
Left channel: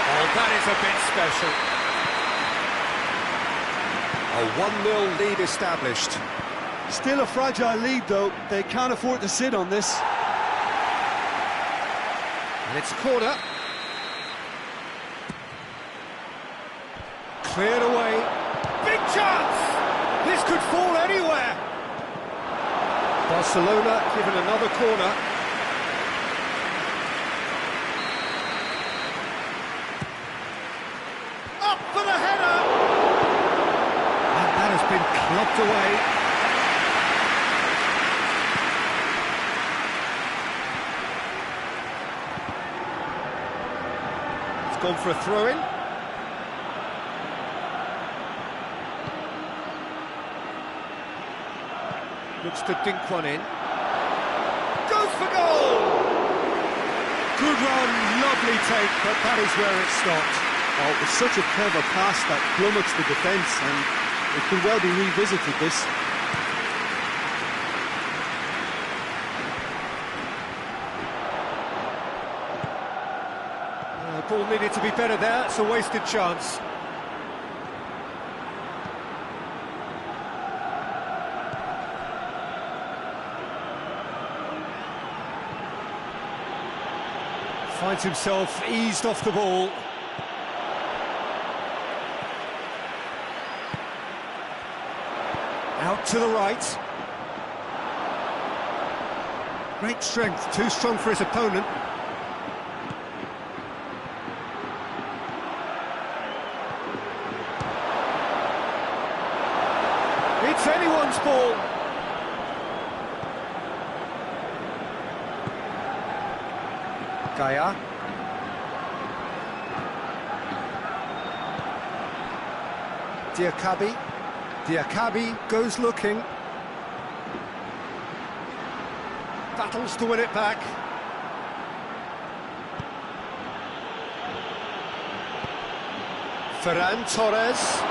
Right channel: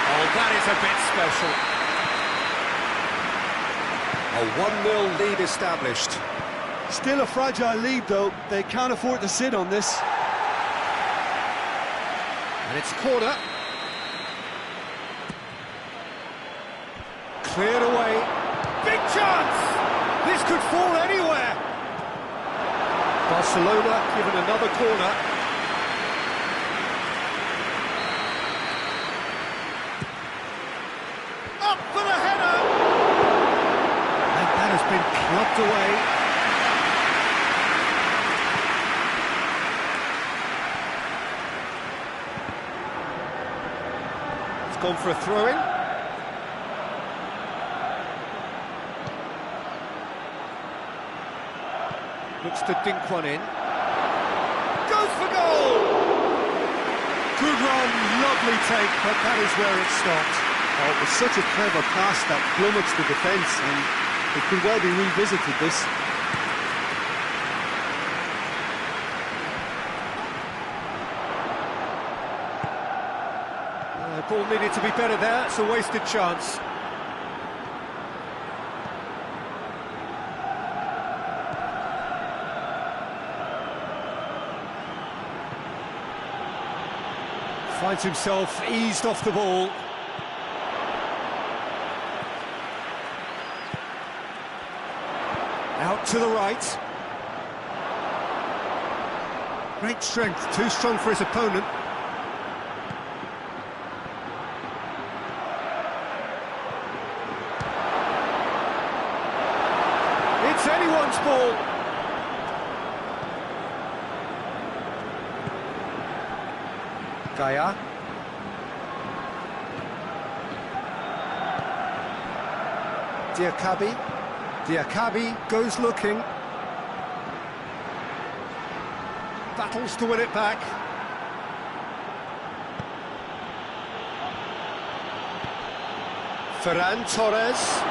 Oh, that is a bit special. A 1-0 lead established. Still a fragile lead, though. They can't afford to sit on this. And it's a corner. Cleared away. Big chance! This could fall anywhere. Barcelona given another corner. Up for the header! And that has been clubbed away. It's gone for a throw-in. Looks to dink one in. Goes for goal! Good run, lovely take, but that is where it stopped. Oh, it was such a clever pass that flummoxed the defence, and it could well be revisited, this. Ball needed to be better there, it's a wasted chance. Finds himself eased off the ball. Out to the right. Great strength, too strong for his opponent. It's anyone's ball. Gaya. Diakabi. Diakabi goes looking. Battles to win it back. Ferran Torres.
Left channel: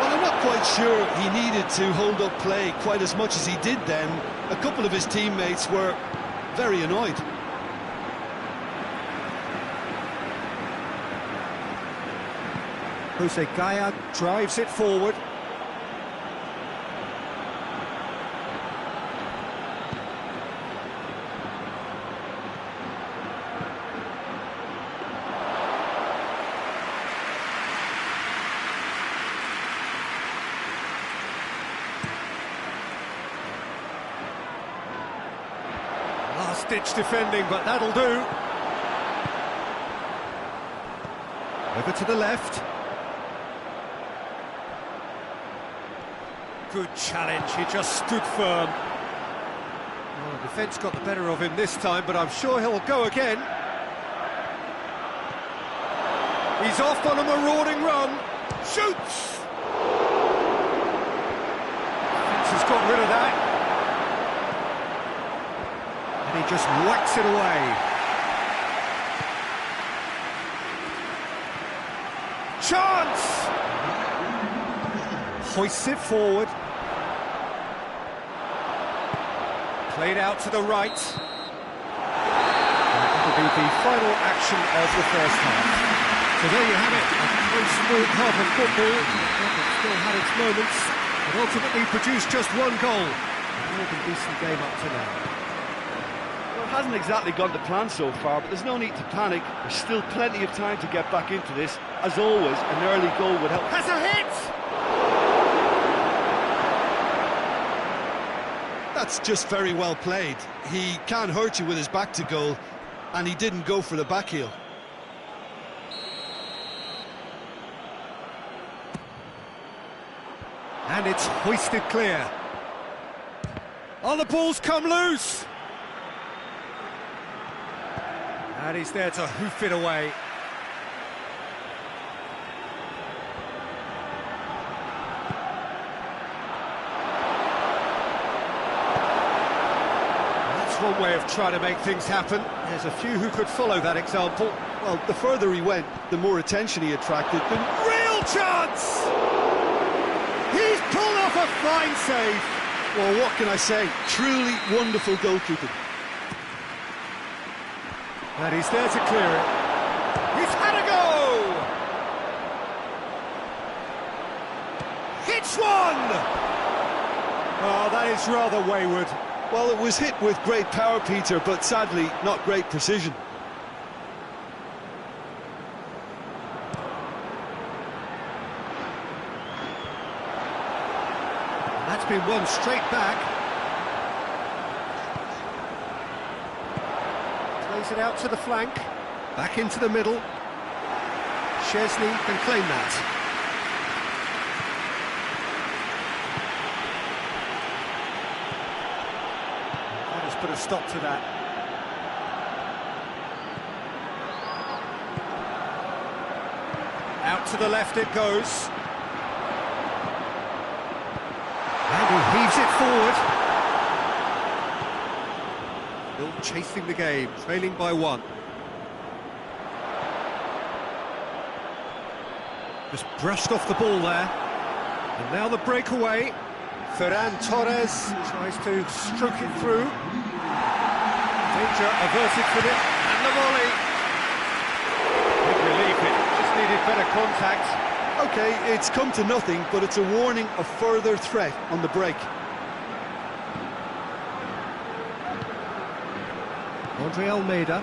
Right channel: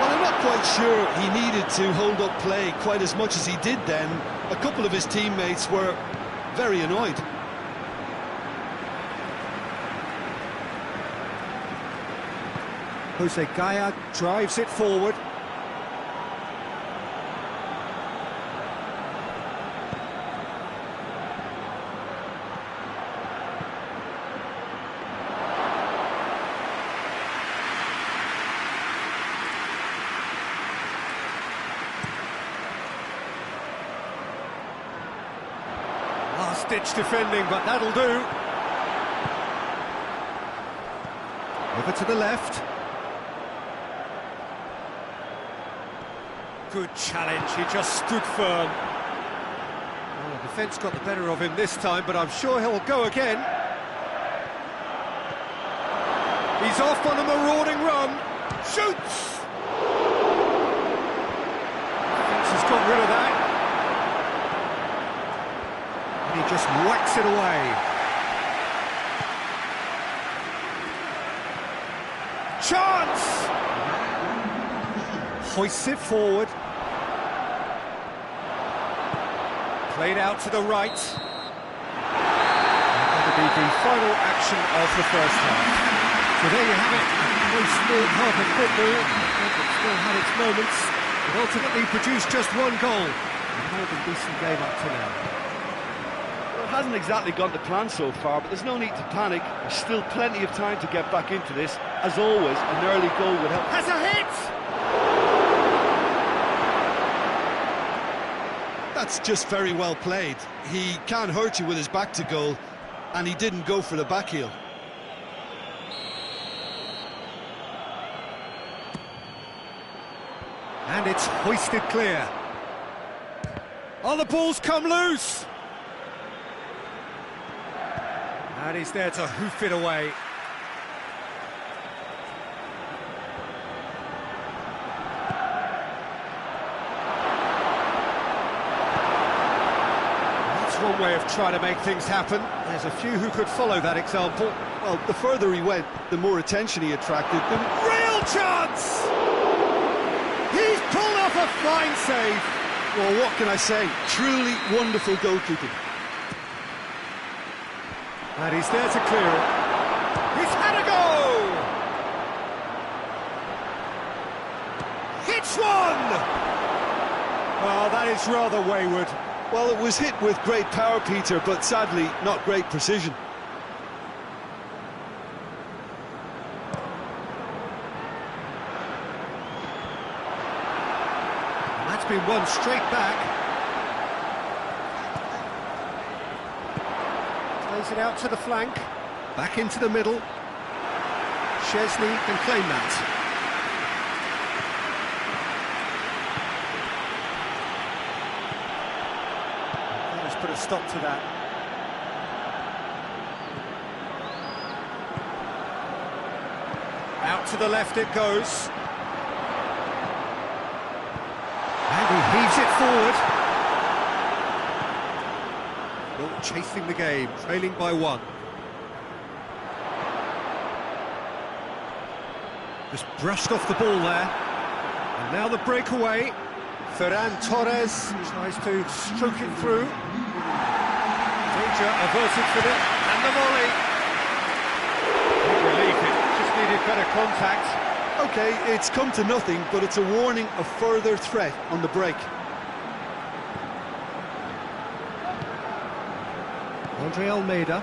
Well, I'm not quite sure he needed to hold up play quite as much as he did then. A couple of his teammates were very annoyed. Jose Gaya drives it forward. Last-ditch defending, but that'll do. Over to the left. good challenge, he just stood firm. Well, the defence got the better of him this time, but I'm sure he'll go again. He's off on a marauding run. Shoots! Defence has got rid of that. And he just whacks it away. Chance! Hoists it forward. Played out to the right. That'll be the final action of the first half. So there you have it, a close-fought half of football, that still had its moments, but ultimately produced just one goal. A more than decent game up to now. Well, it hasn't exactly gone to plan so far, but there's no need to panic. There's still plenty of time to get back into this. As always, an early goal would help. Has a hit! That's just very well played. He can't hurt you with his back to goal, and he didn't go for the back heel. And it's hoisted clear. Oh, the ball's come loose! And he's there to hoof it away. That's one way of trying to make things happen. There's a few who could follow that example. Well, the further he went, the more attention he attracted. Real chance! He's pulled off a fine save. Well, what can I say? Truly wonderful goalkeeping. And he's there to clear it. He's had a go! Hits one! Oh, that is rather wayward. Well, it was hit with great power, Peter, but sadly, not great precision. That's been won straight back. Plays it out to the flank. Back into the middle. Chesney can claim that. That has put a stop to that. Out to the left it goes. And he heaves it forward. Still chasing the game, trailing by one. Just brushed off the ball there. And now the breakaway. Ferran Torres tries to stroke it through. Danger averted for it. And the volley. Big relief, it just needed better contact. OK, it's come to nothing, but it's a warning of further threat on the break. Andre Almeida.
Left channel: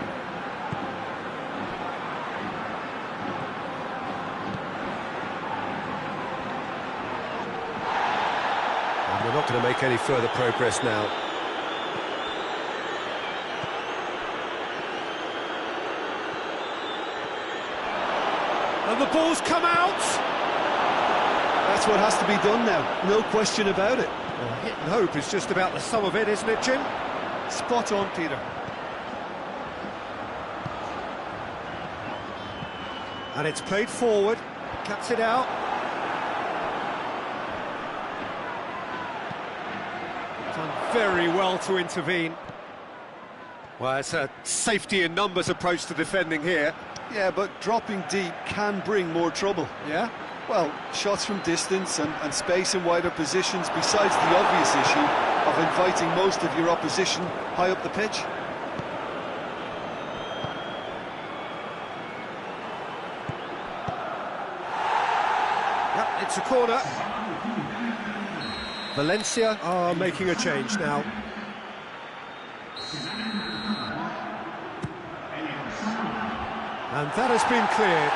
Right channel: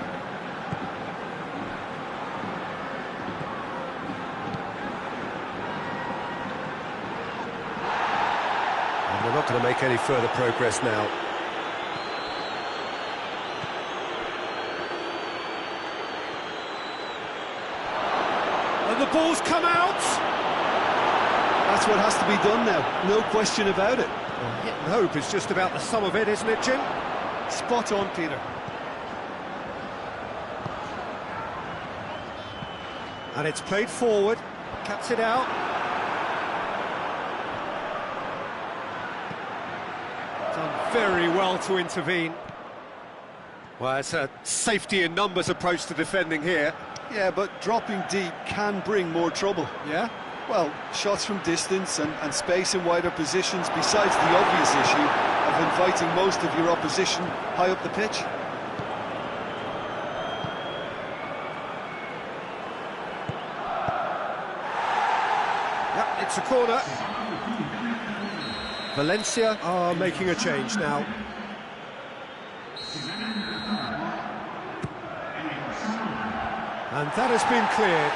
And we're not going to make any further progress now. And the ball's come out! That's what has to be done now, no question about it. Well, hit and hope is just about the sum of it, isn't it, Jim? Spot on, Peter. And it's played forward, cuts it out. Done very well to intervene. Well, it's a safety in numbers approach to defending here. Yeah, but dropping deep can bring more trouble. Yeah? Well, shots from distance and space in wider positions, besides the obvious issue of inviting most of your opposition high up the pitch. Yep, it's a corner. Valencia are making a change now. And that has been cleared.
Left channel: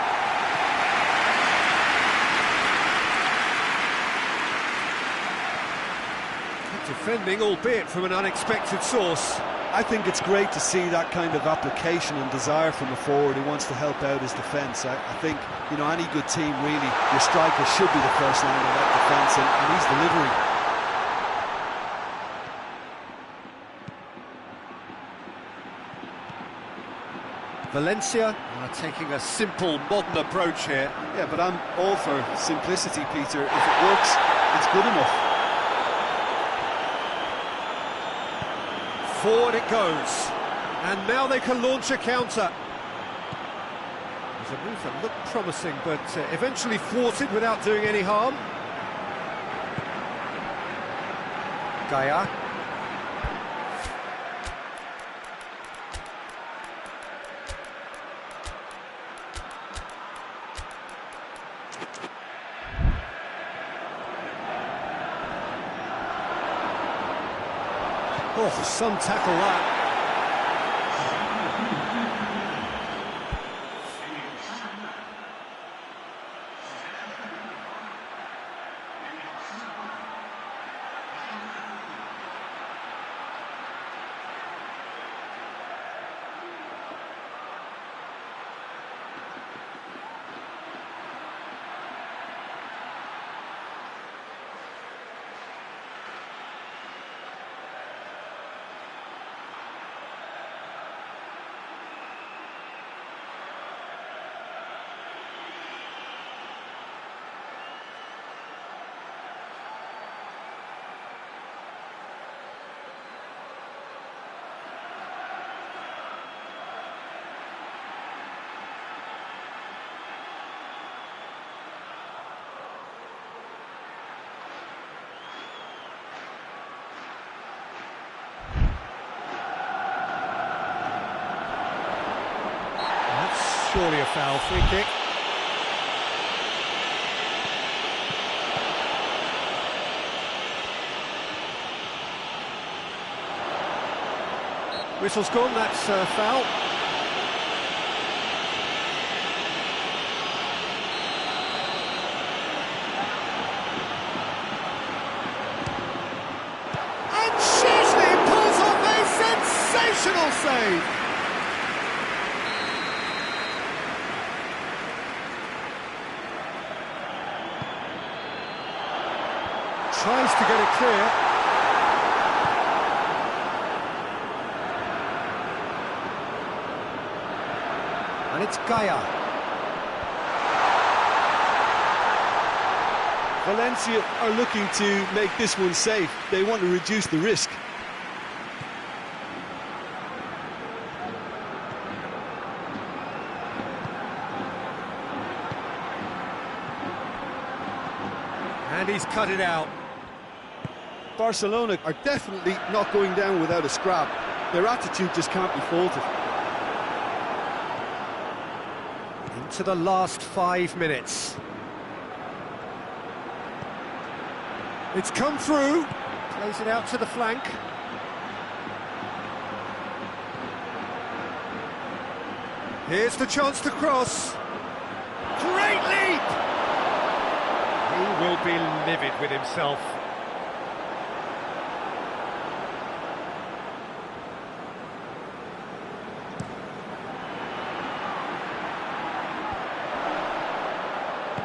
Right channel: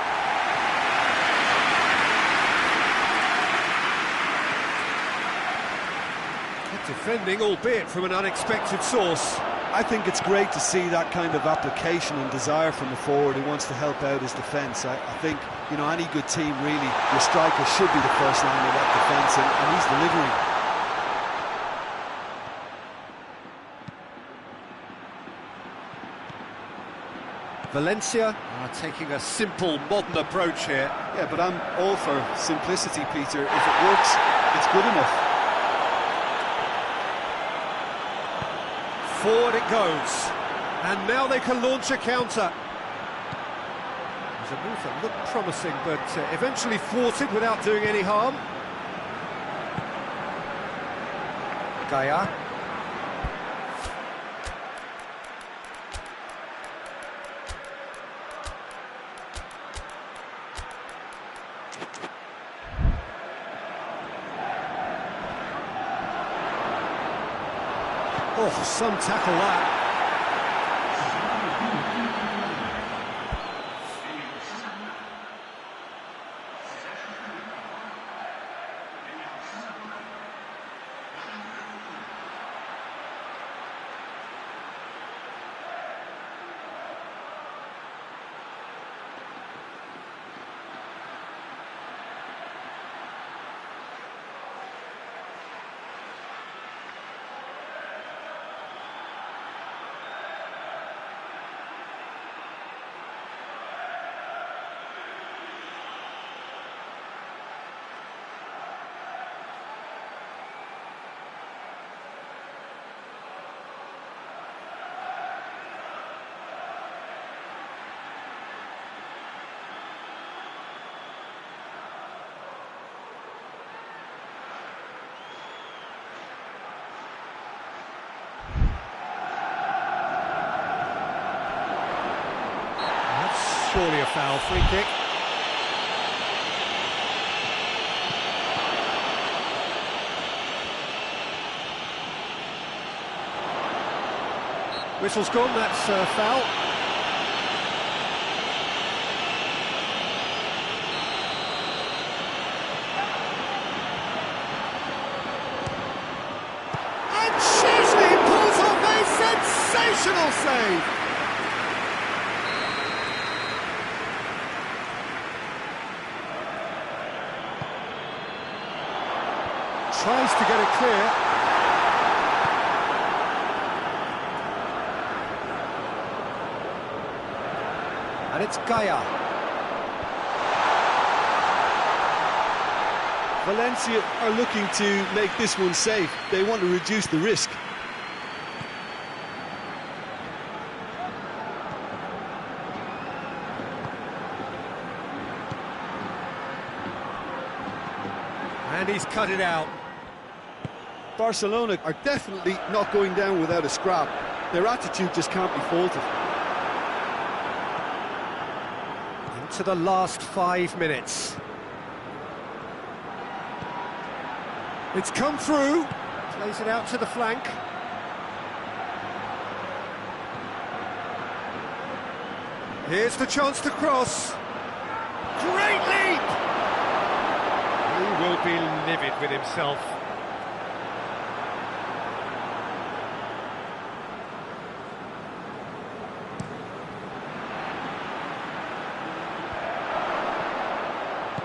Good defending, albeit from an unexpected source. I think it's great to see that kind of application and desire from a forward who wants to help out his defence. I think, you know, any good team, really, your striker should be the first line of that defence, and he's delivering. Valencia are taking a simple, modern approach here. Yeah, but I'm all for simplicity, Peter. If it works, it's good enough. Forward it goes. And now they can launch a counter. It was a move that looked promising, but eventually thwarted without doing any harm. Gaia. Oh, some tackle that. Surely a foul, free kick. Whistle's gone, that's foul. And Szczesny pulls off a sensational save. Tries to get it clear. And it's Gaia. Valencia are looking to make this one safe. They want to reduce the risk. And he's cut it out. Barcelona are definitely not going down without a scrap. Their attitude just can't be faulted. Into the last 5 minutes. It's come through. Plays it out to the flank. Here's the chance to cross. Great leap! He will be livid with himself.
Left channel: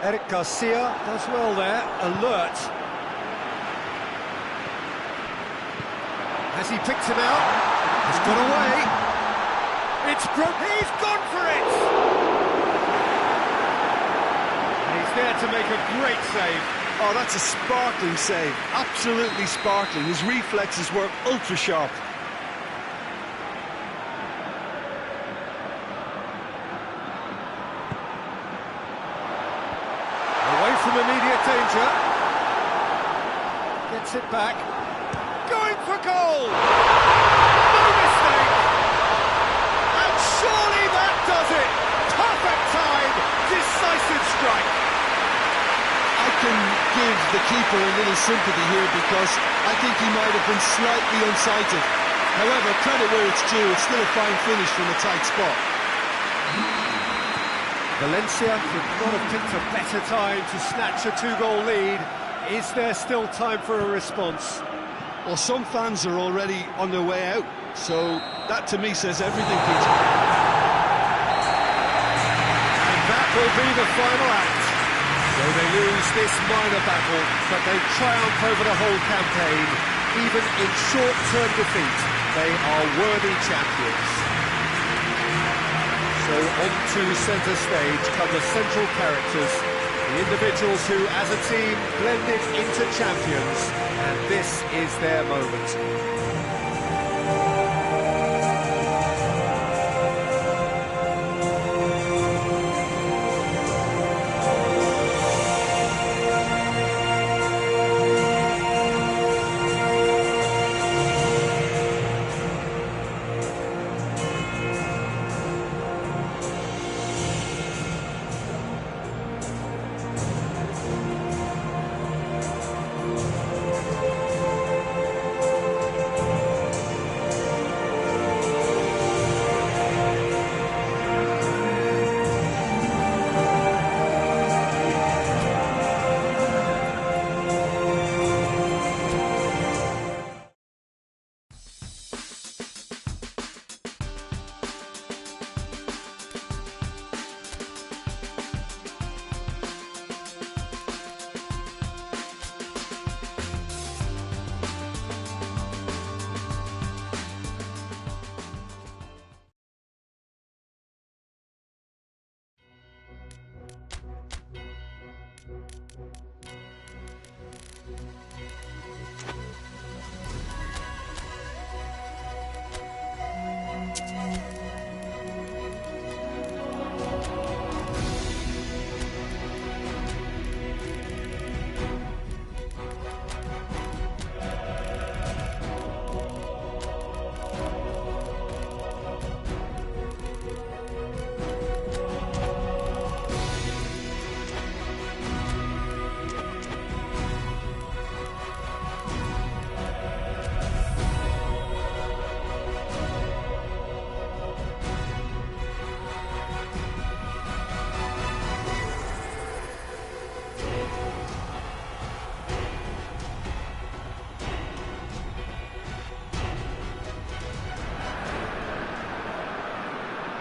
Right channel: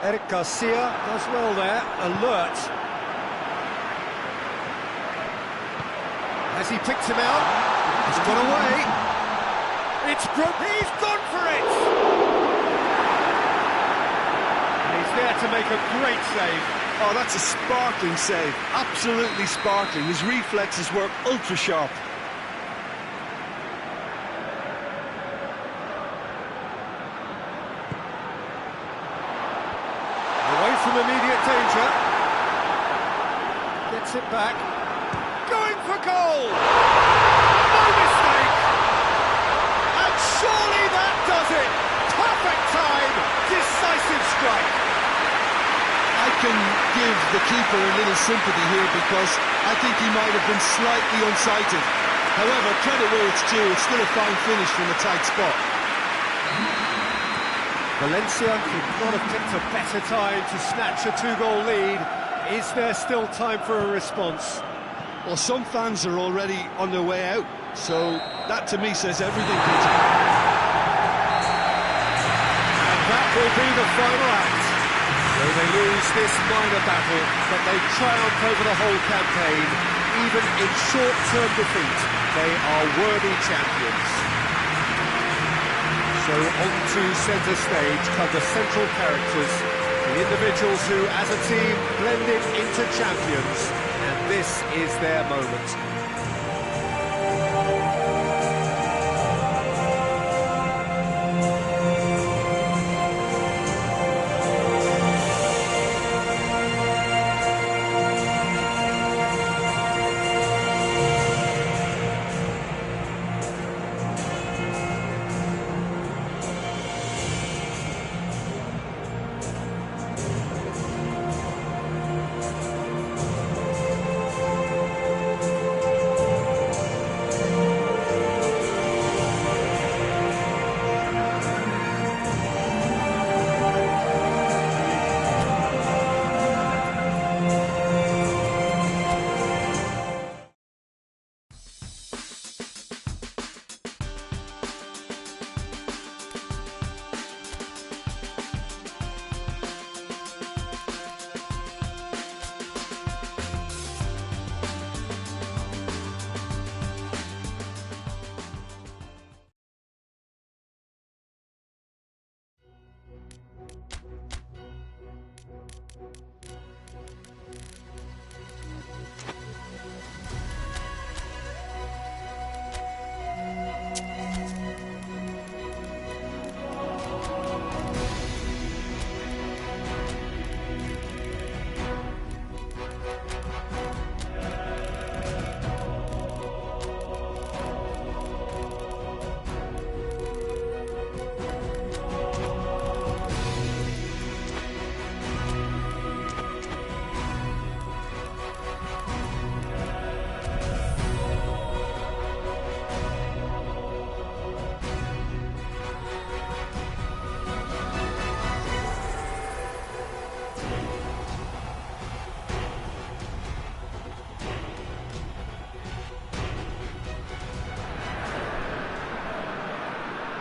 Eric Garcia does well there, alert. Has he picked him out? He's got away. It's he's gone for it! And he's there to make a great save. Oh, that's a sparkling save. Absolutely sparkling. His reflexes were ultra sharp. Away from immediate danger. Gets it back. Going for goal! No mistake! And surely that does it! Perfect time! Decisive strike! I can give the keeper a little sympathy here because I think he might have been slightly unsighted. However, credit where it's due, it's still a fine finish from a tight spot. Valencia could not have picked a better time to snatch a two-goal lead. Is there still time for a response? Well, some fans are already on their way out, so that to me says everything, Peter. And that will be the final act. So they lose this minor battle, but they triumph over the whole campaign. Even in short-term defeat, they are worthy champions. So onto centre stage come the central characters, the individuals who, as a team, blended into champions, and this is their moment.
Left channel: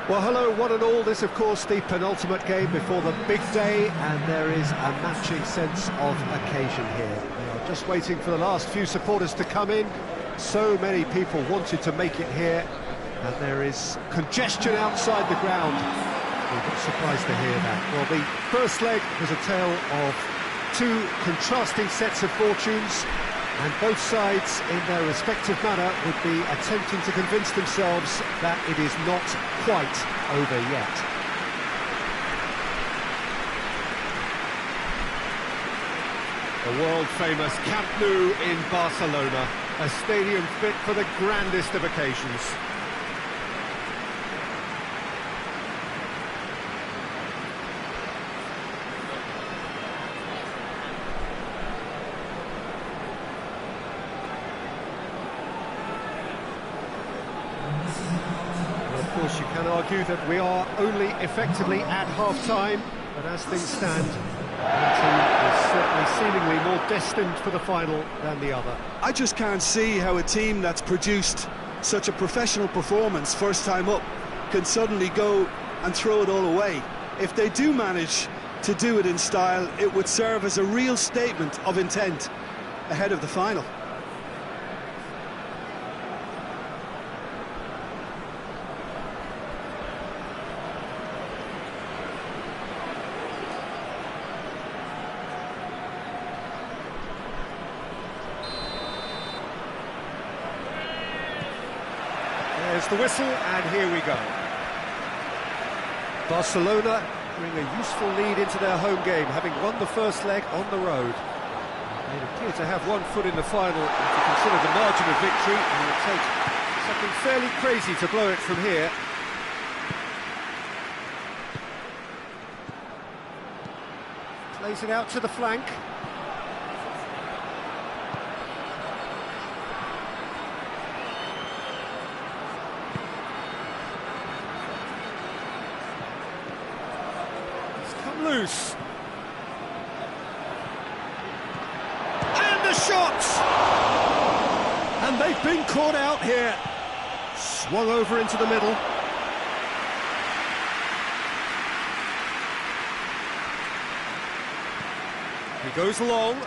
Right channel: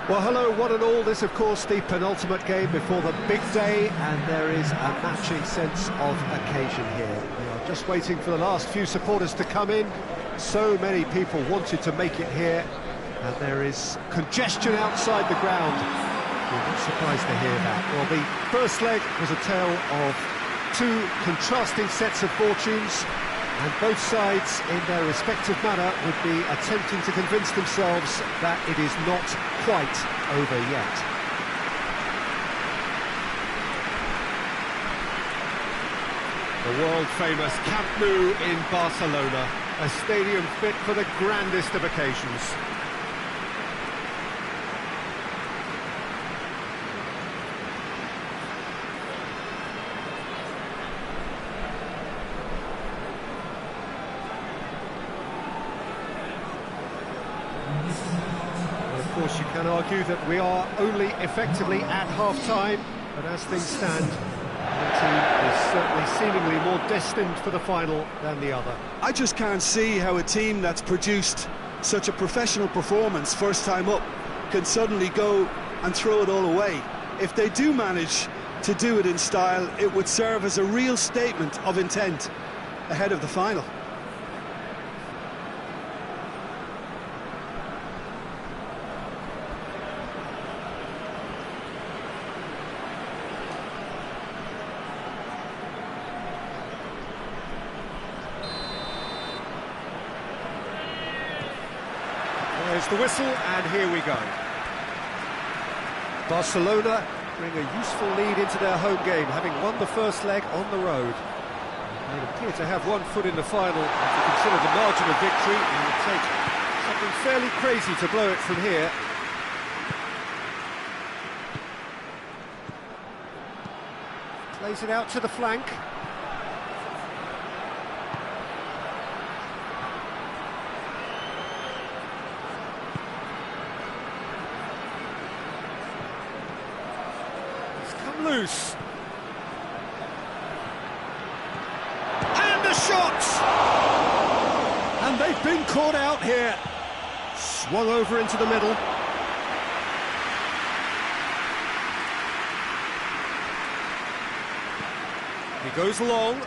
Well, hello, one and all. This, of course, the penultimate game before the big day, and there is a matching sense of occasion here. We are just waiting for the last few supporters to come in. So many people wanted to make it here, and there is congestion outside the ground. We're not surprised to hear that. Well, the first leg was a tale of two contrasting sets of fortunes, and both sides, in their respective manner, would be attempting to convince themselves that it is not quite over yet. The world-famous Camp Nou in Barcelona, a stadium fit for the grandest of occasions. Of course, you can argue that we are only effectively at half-time, but as things stand, one team is certainly seemingly more destined for the final than the other. I just can't see how a team that's produced such a professional performance first time up can suddenly go and throw it all away. If they do manage to do it in style, it would serve as a real statement of intent ahead of the final. There's the whistle, and here we go. Barcelona bring a useful lead into their home game, having won the first leg on the road. They appear to have one foot in the final. If you consider the margin of victory, it would take something fairly crazy to blow it from here. Plays it out to the flank. Come loose. And a shot! And they've been caught out here. Swung over into the middle. He goes long.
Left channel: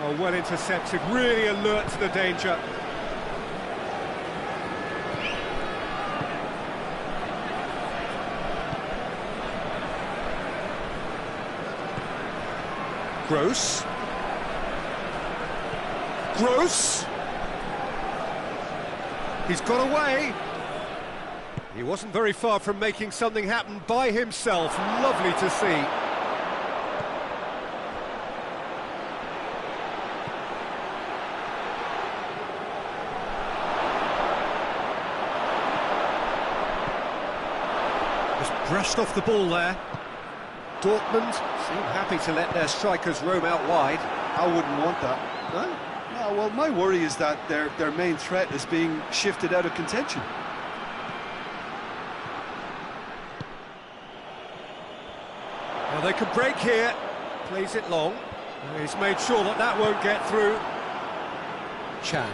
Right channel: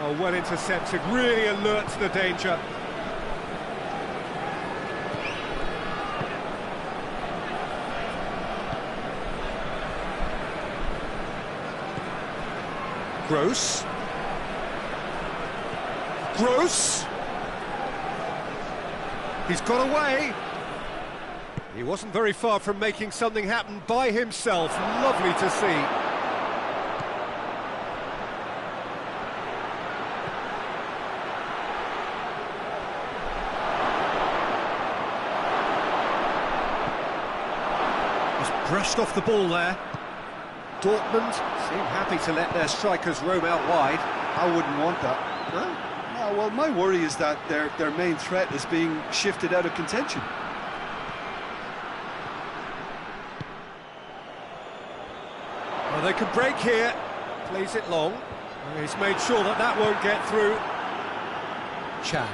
Oh, well intercepted, really alert to the danger. Gross. Gross. He's got away. He wasn't very far from making something happen by himself. Lovely to see. Just brushed off the ball there. Dortmund seem happy to let their strikers roam out wide. I wouldn't want that. No? No, well, my worry is that their main threat is being shifted out of contention. Well, they can break here. Plays it long. He's made sure that that won't get through. Chan.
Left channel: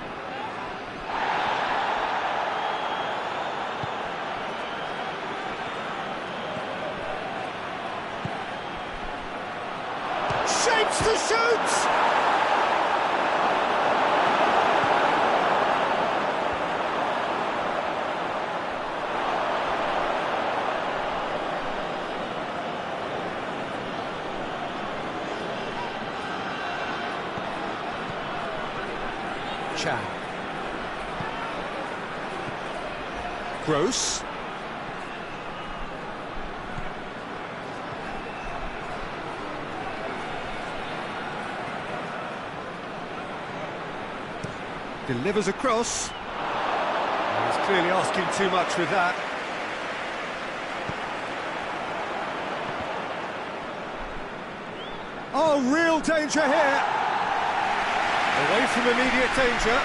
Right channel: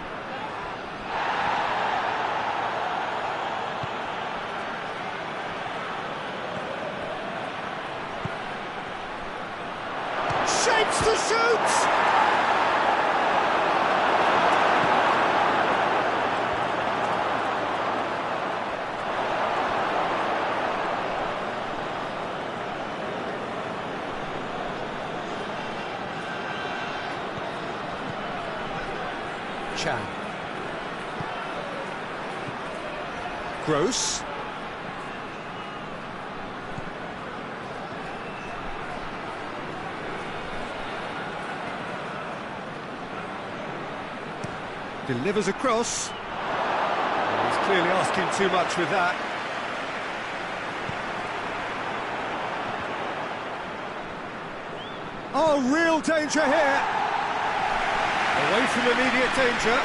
Shapes to shoot! Chan. Gross. Delivers across. Well, he's clearly asking too much with that. Oh, real danger here. Away from immediate danger.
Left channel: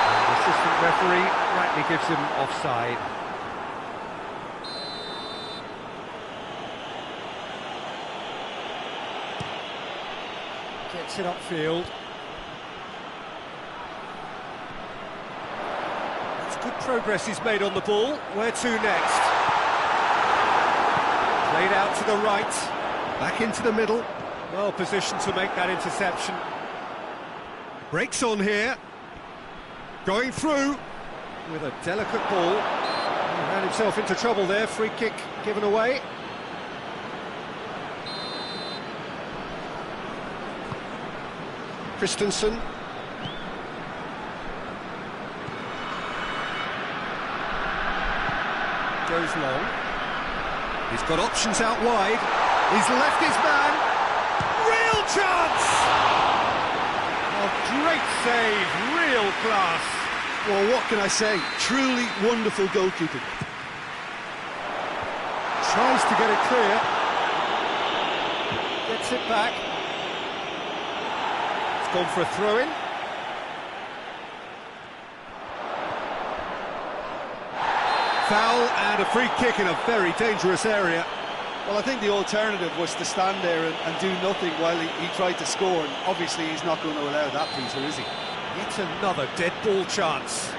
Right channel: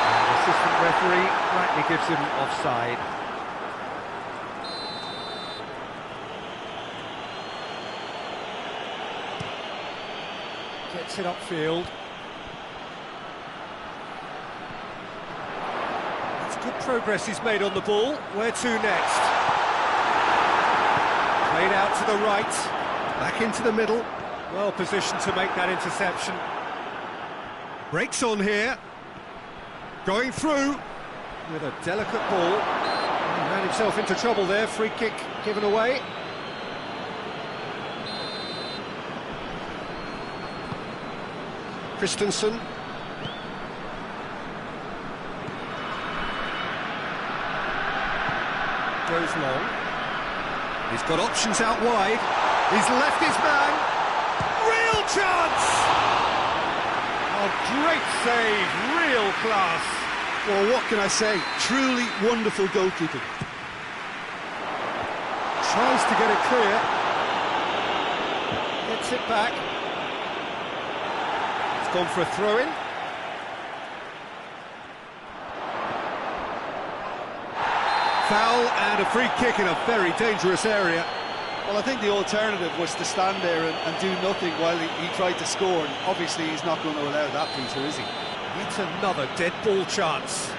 And the assistant referee rightly gives him offside. Gets it upfield. That's good progress he's made on the ball. Where to next? Played out to the right. Back into the middle. Well positioned to make that interception. Breaks on here. Going through with a delicate ball. He ran himself into trouble there. Free kick given away. Christensen. Goes long. He's got options out wide. He's left his man. Real chance! Oh, great save, real class. Well, what can I say? Truly wonderful goalkeeping. Tries to get it clear. Gets it back. It's gone for a throw-in. Foul and a free kick in a very dangerous area. Well, I think the alternative was to stand there and do nothing while he tried to score, and obviously he's not going to allow that, Peter, is he? Yet another dead ball chance.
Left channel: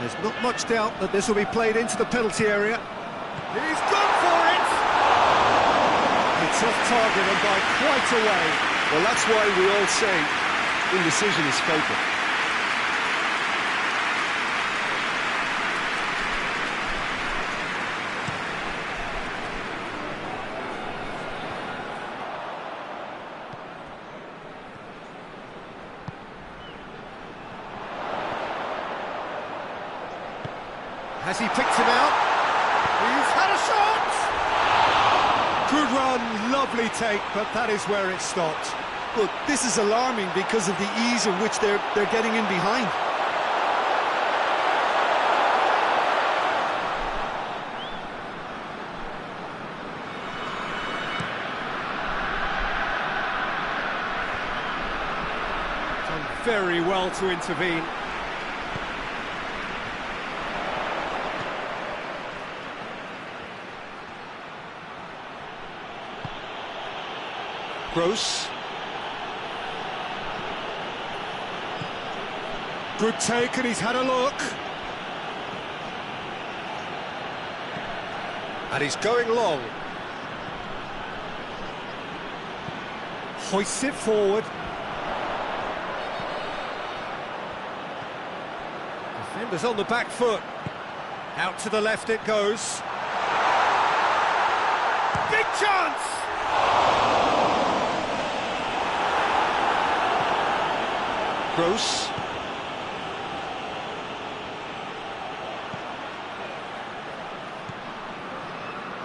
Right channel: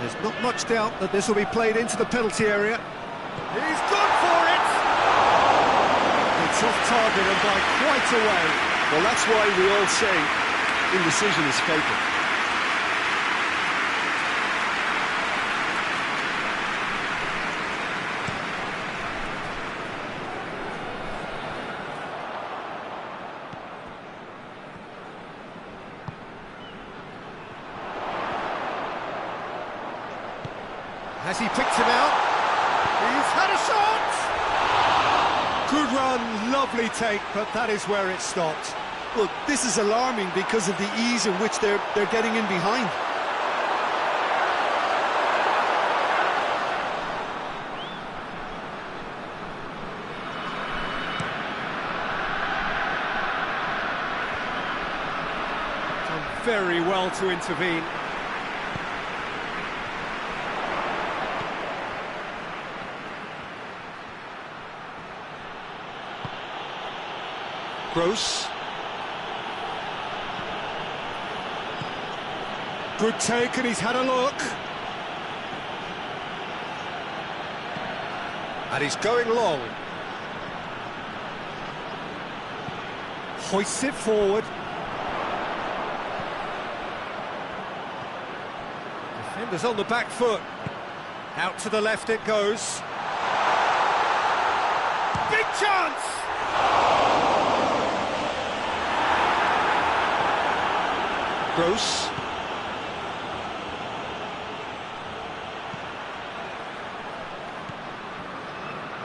There's not much doubt that this will be played into the penalty area. He's gone for it! It's off target and by quite a way. Well, that's why we all say indecision is fatal. Has he picked him out? He's had a shot! Good run, lovely take, but that is where it stopped. Look, this is alarming because of the ease in which they're getting in behind. Done very well to intervene. Gross. Good take, and he's had a look. And he's going long. Hoists it forward. Defenders on the back foot. Out to the left it goes. Big chance! Gross.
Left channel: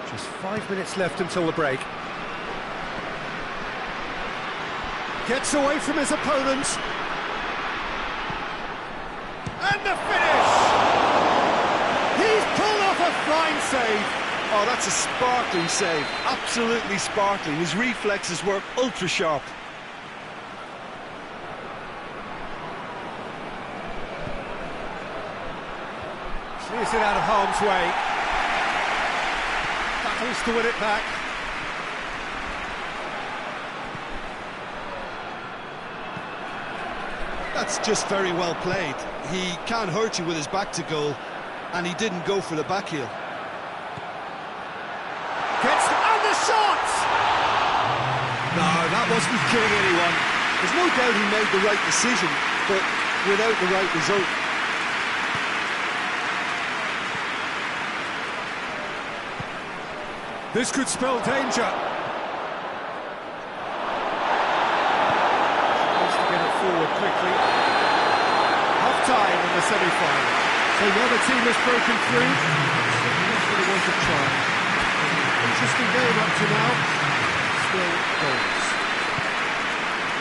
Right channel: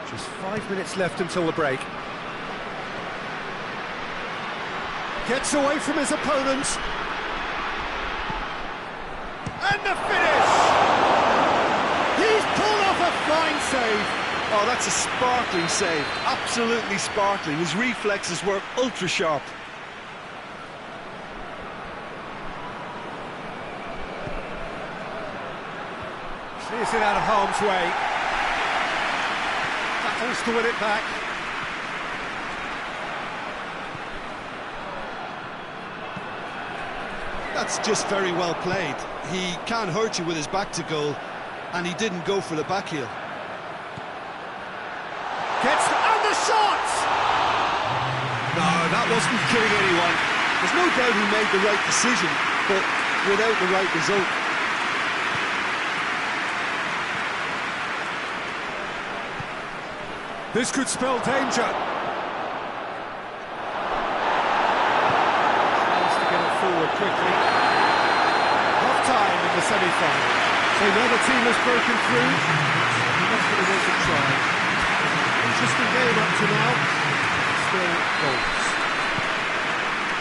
Just 5 minutes left until the break. Gets away from his opponent. And the finish! He's pulled off a fine save. Oh, that's a sparkling save. Absolutely sparkling. His reflexes were ultra sharp. Clears it out of harm's way. Battles to win it back. That's just very well played. He can't hurt you with his back to goal, and he didn't go for the back heel. And the shot! No, that wasn't killing anyone. There's no doubt he made the right decision, but without the right result. This could spell danger. Tries to get it forward quickly. Half-time in the semi-final. So another team has broken through. Certainly not going to want to try. Interesting game up to now. Still goals.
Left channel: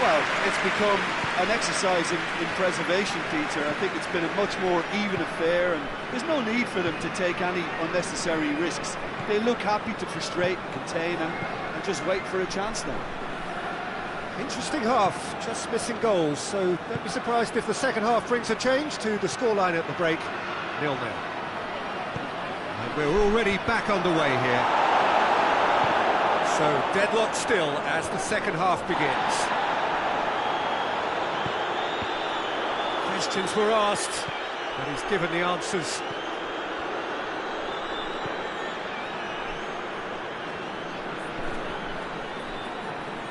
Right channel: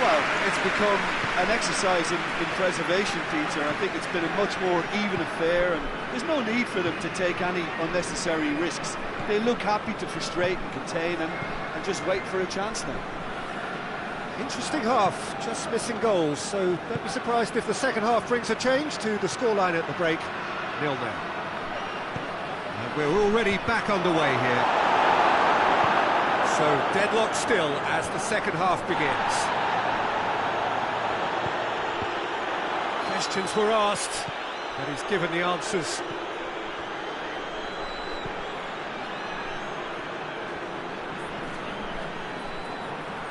Well, it's become an exercise in preservation, Peter. I think it's been a much more even affair, and there's no need for them to take any unnecessary risks. They look happy to frustrate and contain and just wait for a chance now. Interesting half, just missing goals, so don't be surprised if the second half brings a change to the scoreline at the break. 0-0. And we're already back underway here. So deadlock still as the second half begins. Questions were asked, but he's given the answers.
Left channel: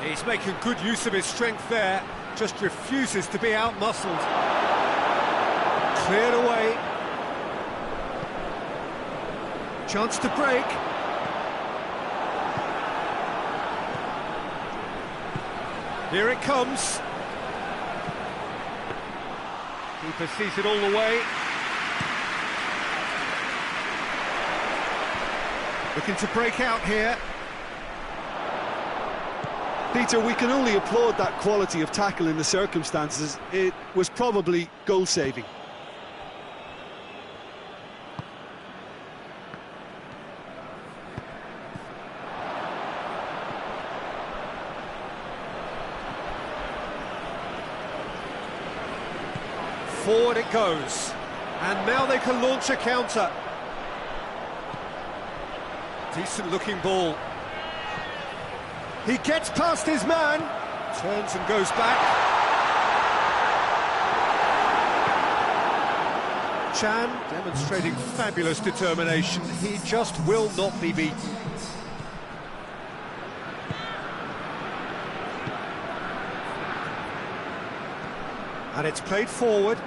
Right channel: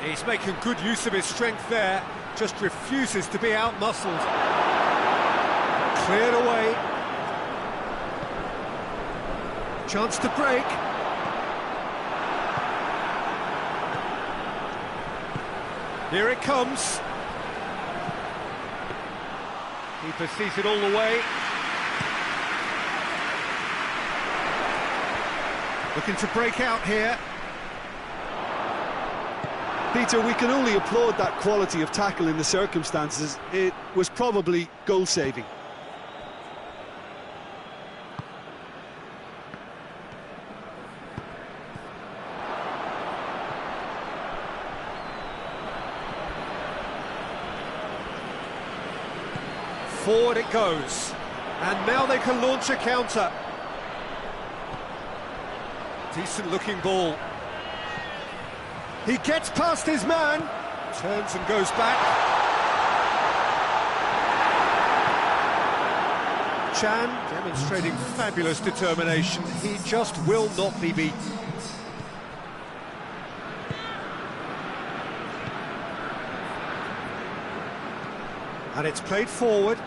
He's making good use of his strength there, just refuses to be out-muscled. Cleared away. Chance to break. Here it comes. Keeper sees it all the way. Looking to break out here. Peter, we can only applaud that quality of tackle in the circumstances. It was probably goal-saving. Forward it goes, and now they can launch a counter. Decent looking ball. He gets past his man, turns and goes back. Chan demonstrating fabulous determination. He just will not be beaten. And it's played forward.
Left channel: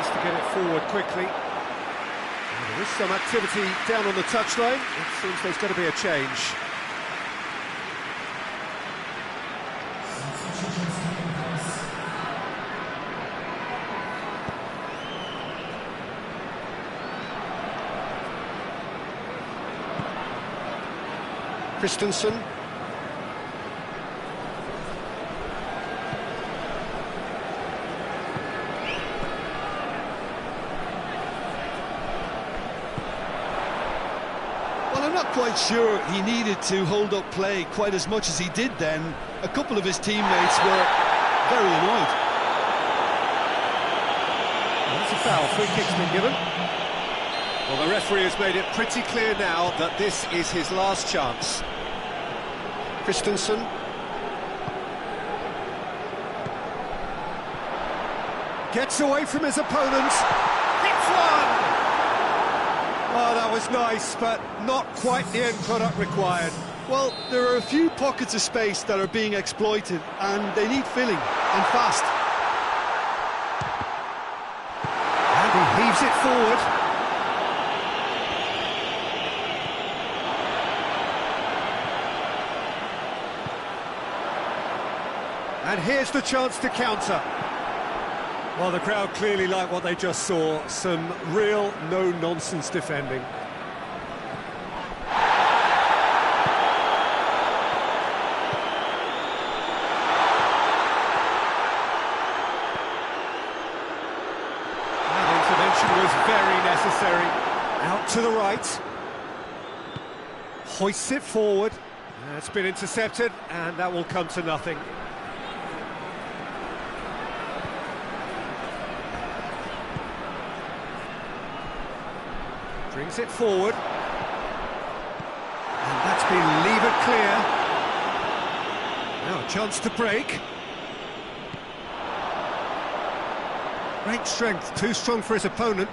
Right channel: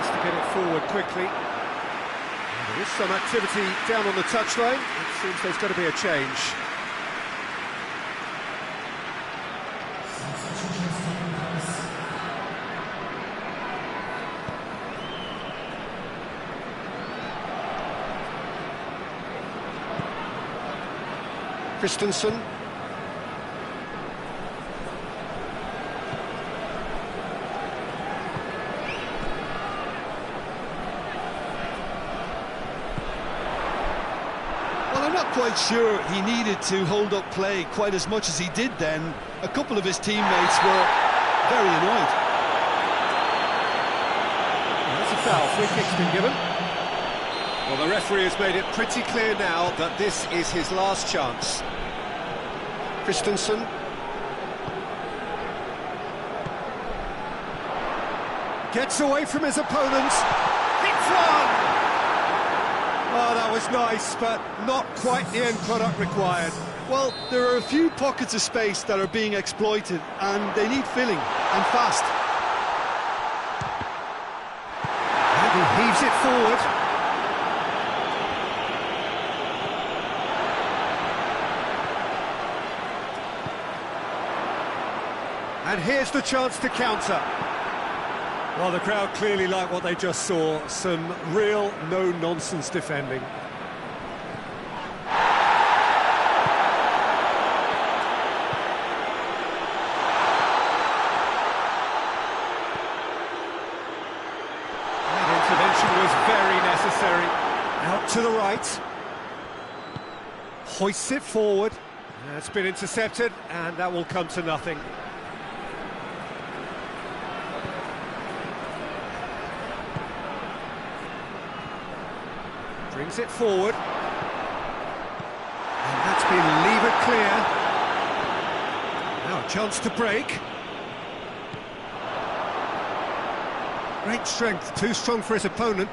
To get it forward quickly. Well, there is some activity down on the touchline. It seems there's going to be a change. Christensen. I'm not quite sure he needed to hold up play quite as much as he did then. A couple of his teammates were very annoyed. Well, that's a foul. Free kick's been given. Well, the referee has made it pretty clear now that this is his last chance. Christensen. Gets away from his opponent. Hits one! Oh, that was nice, but not quite the end product required. Well, there are a few pockets of space that are being exploited, and they need filling, and fast. And he heaves it forward. And here's the chance to counter. Well, the crowd clearly like what they just saw. Some real no-nonsense defending. That intervention was very necessary. Out to the right. Hoists it forward. It's been intercepted, and that will come to nothing. Brings it forward. And that's been levered clear. Now a chance to break. Great strength, too strong for his opponent.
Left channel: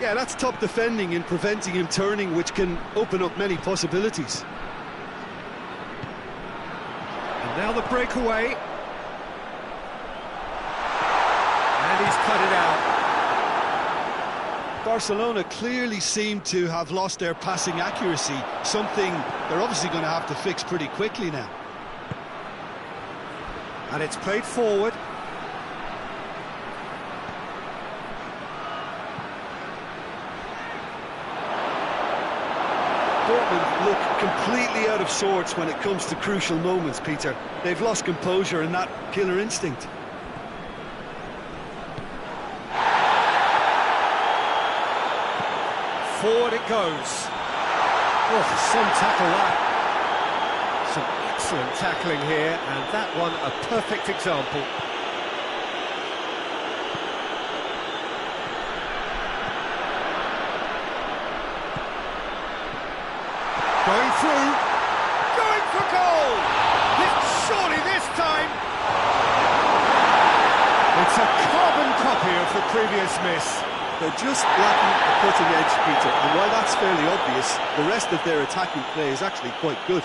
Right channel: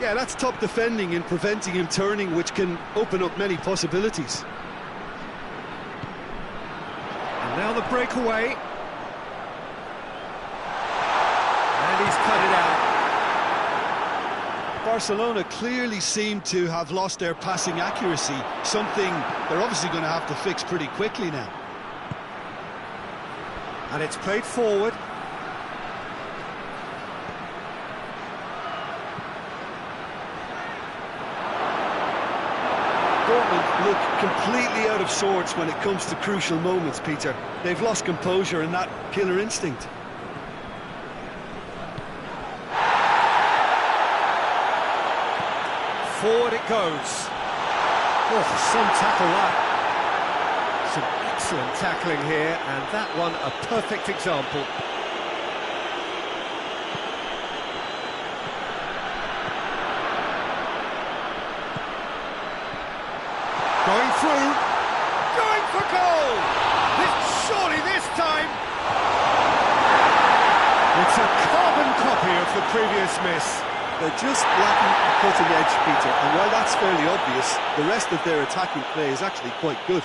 Yeah, that's top defending and preventing him turning, which can open up many possibilities. And now the breakaway. And he's cut it out. Barcelona clearly seem to have lost their passing accuracy, something they're obviously going to have to fix pretty quickly now. And it's played forward. Dortmund look completely out of sorts when it comes to crucial moments, Peter. They've lost composure and that killer instinct. Forward it goes. Oh, some tackle that. Some excellent tackling here, and that one a perfect example. Going through, going for goal! Surely this time! It's a carbon copy of the previous miss. They're just lacking a cutting edge, Peter, and while that's fairly obvious, the rest of their attacking play is actually quite good.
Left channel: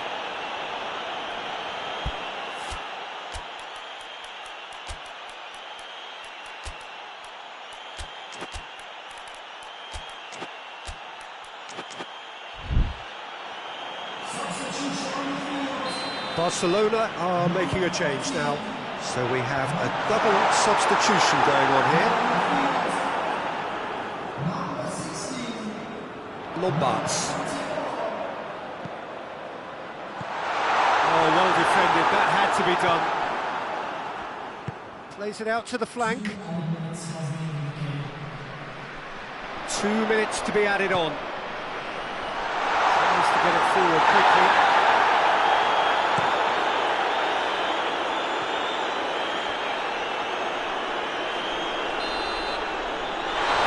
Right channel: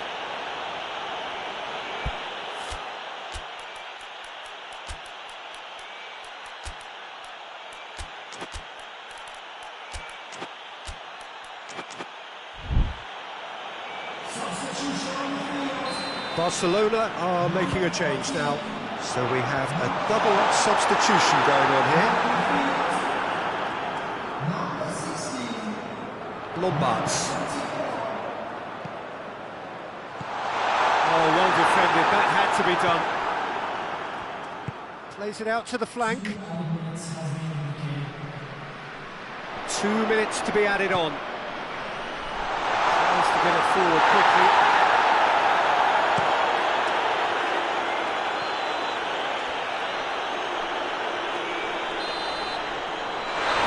Barcelona are making a change now, so we have a double substitution going on here. Lombards. Oh, well defended, that had to be done. Plays it out to the flank. 2 minutes to be added on. Tries to get it forward quickly.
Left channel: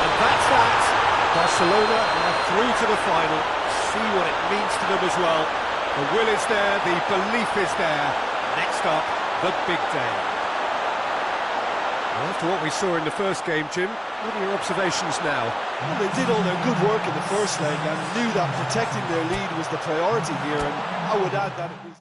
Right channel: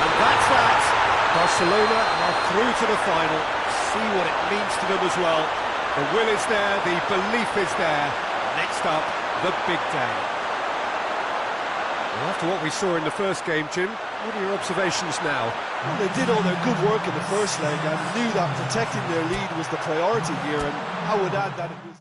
And that's that. Barcelona are through to the final. See what it means to them as well. The will is there, the belief is there. Next up, the big day. Well, after what we saw in the first game, Jim, what are your observations now? Well, they did all their good work in the first leg and knew that protecting their lead was the priority here, and I would add that it was...